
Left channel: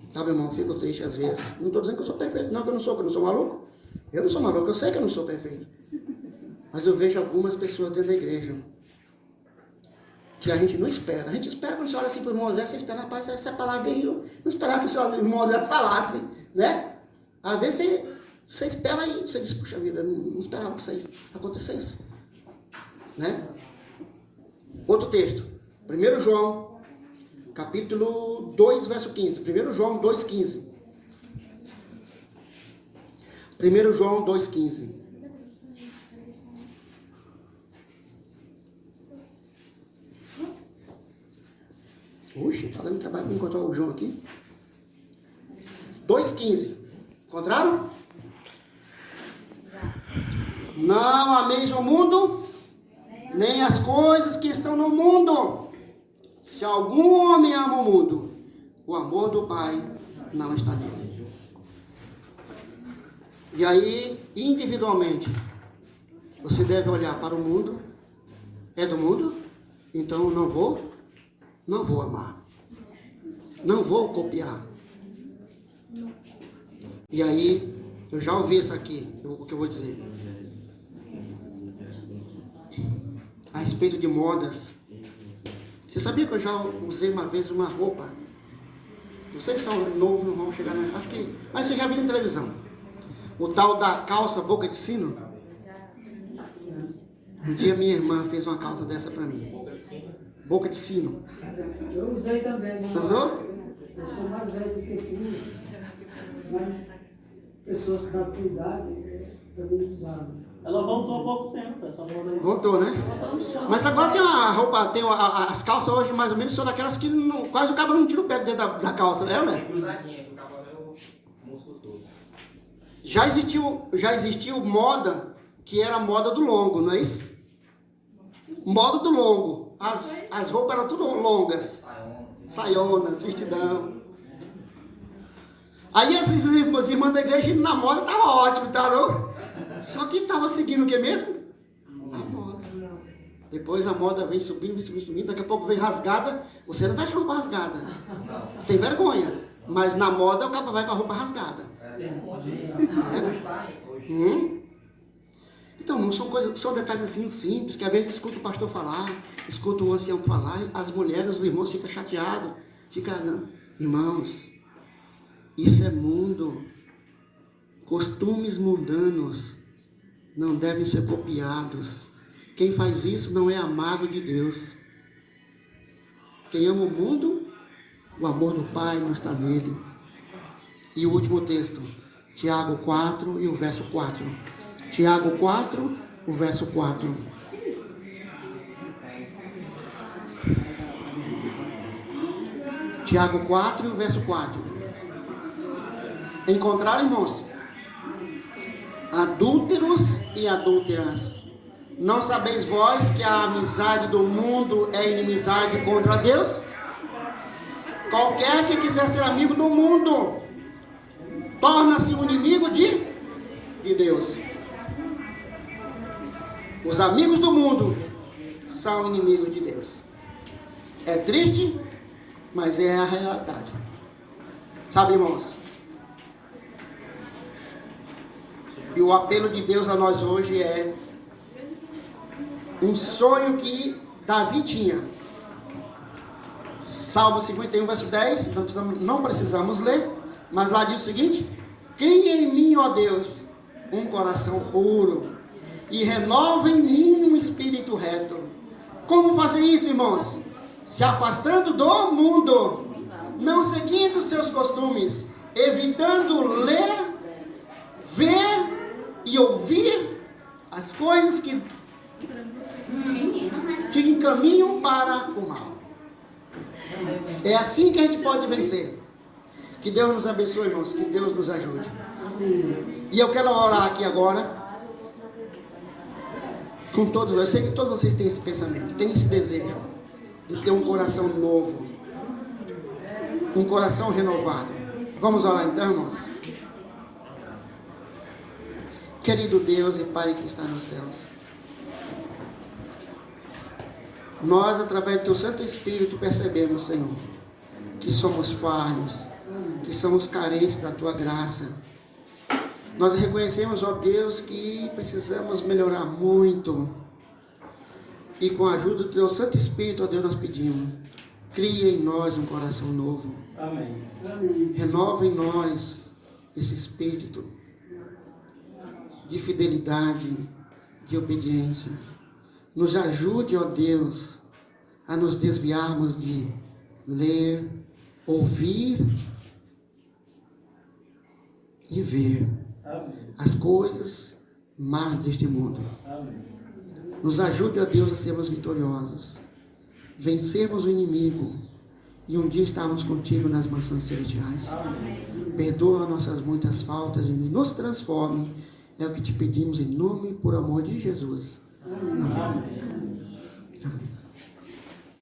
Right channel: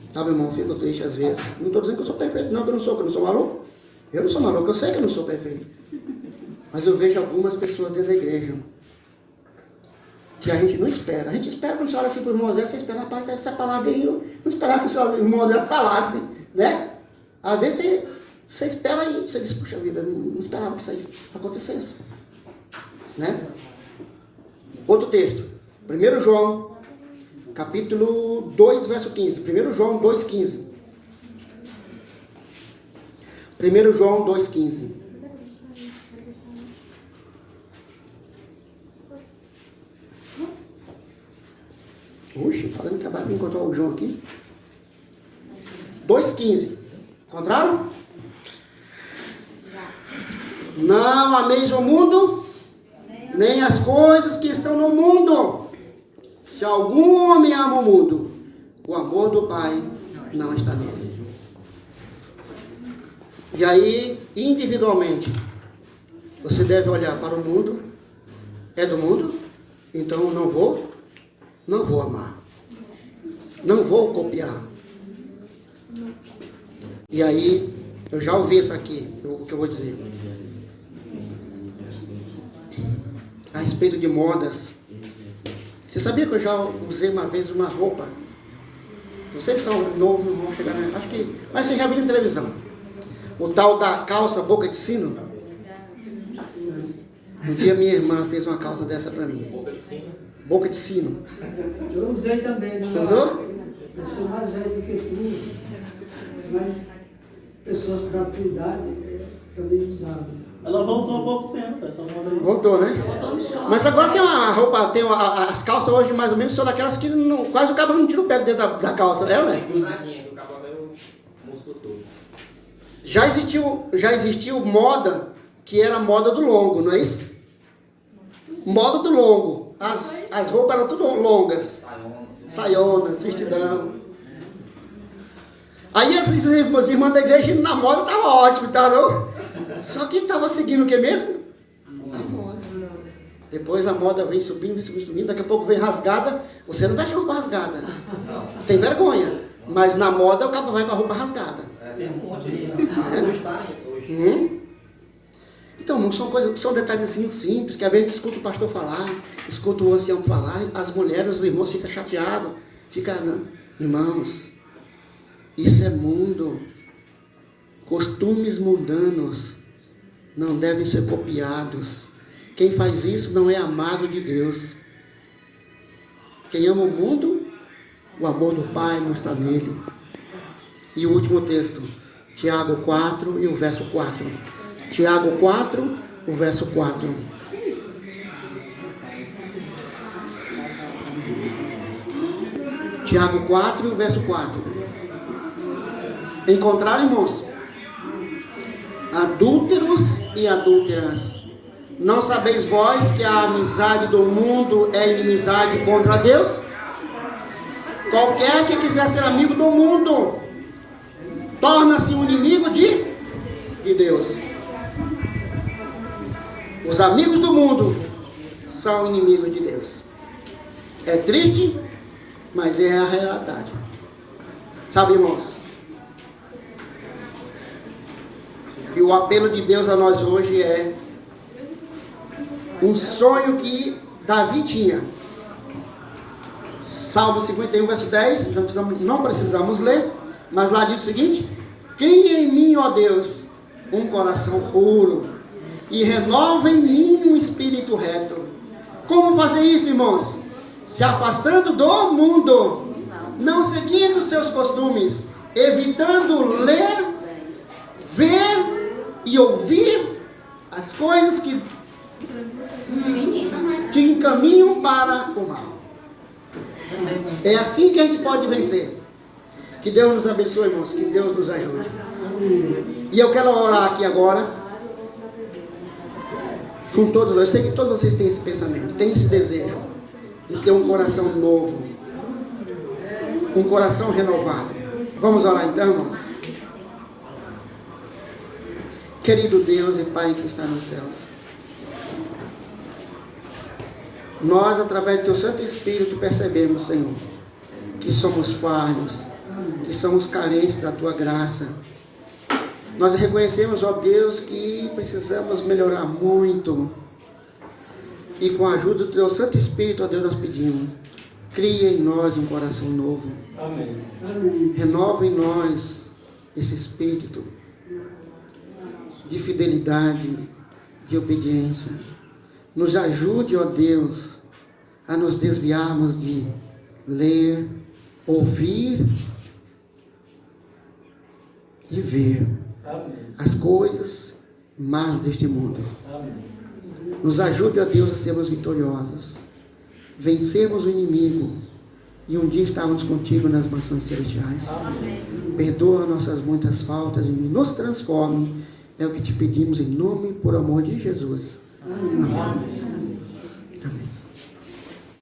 Sabe, irmão, eu fico triste às vezes. Não estou dizendo que eu sou perfeito, não, que eu não sou maluco. Eu não sou maluco, eu sei que eu não sou perfeito. Mas eu vejo algumas pessoas dentro da igreja que a gente não espera. A gente espera quando você olha assim para o irmão Zé, você espera, rapaz, essa palavra aí, eu não esperava que o irmão Zé falasse, né? Às vezes você espera e você diz, puxa vida, eu não esperava que isso aí acontecesse. Né? Outro texto, 1 João, capítulo 2, verso 15. 1 João 2,15. 1 João 2,15. Puxa, está dando trabalho para encontrar o João aqui. 2,15. Encontraram? Não ameis o mundo, nem as coisas que estão no mundo. Se algum homem ama o mundo, o amor do Pai não está nele. E aí, individualmente, você deve olhar para o mundo. É do mundo? Então eu não vou amar. Não vou copiar. E aí, eu já ouvi isso aqui, o que eu vou dizer. A respeito de modas. Você sabia que eu já usei uma vez uma roupa? Vocês são novos, não vão chegar na... Acho que... Mas você já viu na televisão. O tal da calça boca de sino. Um dia minha irmã fez uma calça dessa para mim. Boca de sino. Eu usei também. Usou? Eu sou mais velho do que tu, mas pessoas da tua idade também usavam. Ela voltou há pouco tempo, essa moda aí. Voltou, né? Mas agora tem uma roupa, as calças hoje mais ou menos são daquelas que não, quase o cabo não tira o pé dentro da calça, né? Já existiu moda que era moda do longo, não é isso? Moda do longo. As roupas eram tudo longas. Saionas, vestidão. Aí as irmãs da igreja na moda estava ótimo, tá, não? Só que estava seguindo o que mesmo? A moda. Depois a moda vem subindo, daqui a pouco vem rasgada. Você não vai com a roupa rasgada. Tem vergonha. Mas na moda o cara vai com a roupa rasgada. Tem um monte aí. Então não são coisas, são detalhezinhos simples, que às vezes escuta o pastor falar, escuta o ancião falar, as mulheres, os irmãos ficam chateados. Irmãos, isso é mundo. Costumes mundanos não devem ser copiados. Quem faz isso não é amado de Deus. Quem ama o mundo, o amor do Pai não está nele. E o último texto, Tiago 4 e o verso 4. Tiago 4, o verso 4. Tiago 4 e o verso 4. Encontraram, irmãos? Adúlteros e adúlteras, não sabeis vós que a amizade do mundo é inimizade contra Deus? Qualquer que quiser ser amigo do mundo torna-se um inimigo de Deus. Os amigos do mundo são inimigos de Deus. É triste, mas é a realidade. Sabe, irmãos? E o apelo de Deus a nós hoje é um sonho que Davi tinha. Salmo 51, verso 10, não precisamos ler, mas lá diz o seguinte: cria em mim, ó Deus, um coração puro, e renova em mim um espírito reto. Como fazer isso, irmãos? Se afastando do mundo, não seguindo seus costumes, evitando ler, ver e ouvir as coisas que te encaminham para o mal. É assim que a gente pode vencer. Que Deus nos abençoe, irmãos. Que Deus nos ajude. E eu quero orar aqui agora com todos. Eu sei que todos vocês têm esse pensamento, têm esse desejo de ter um coração novo, um coração renovado. Vamos orar então, irmãos? Querido Deus e Pai que está nos céus, nós, através do Teu Santo Espírito, percebemos, Senhor, que somos falhos, que somos carentes da Tua graça. Nós reconhecemos, ó Deus, que precisamos melhorar muito. E com a ajuda do Teu Santo Espírito, ó Deus, nós pedimos, cria em nós um coração novo. Amém. Renova em nós esse espírito de fidelidade, de obediência. Nos ajude, ó Deus, a nos desviarmos de ler, ouvir e ver as coisas más deste mundo. Nos ajude, ó Deus, a sermos vitoriosos, vencermos o inimigo e um dia estarmos contigo nas mansões celestiais. Perdoa nossas muitas faltas e nos transforme. É o que te pedimos em nome e por amor de Jesus. Amém.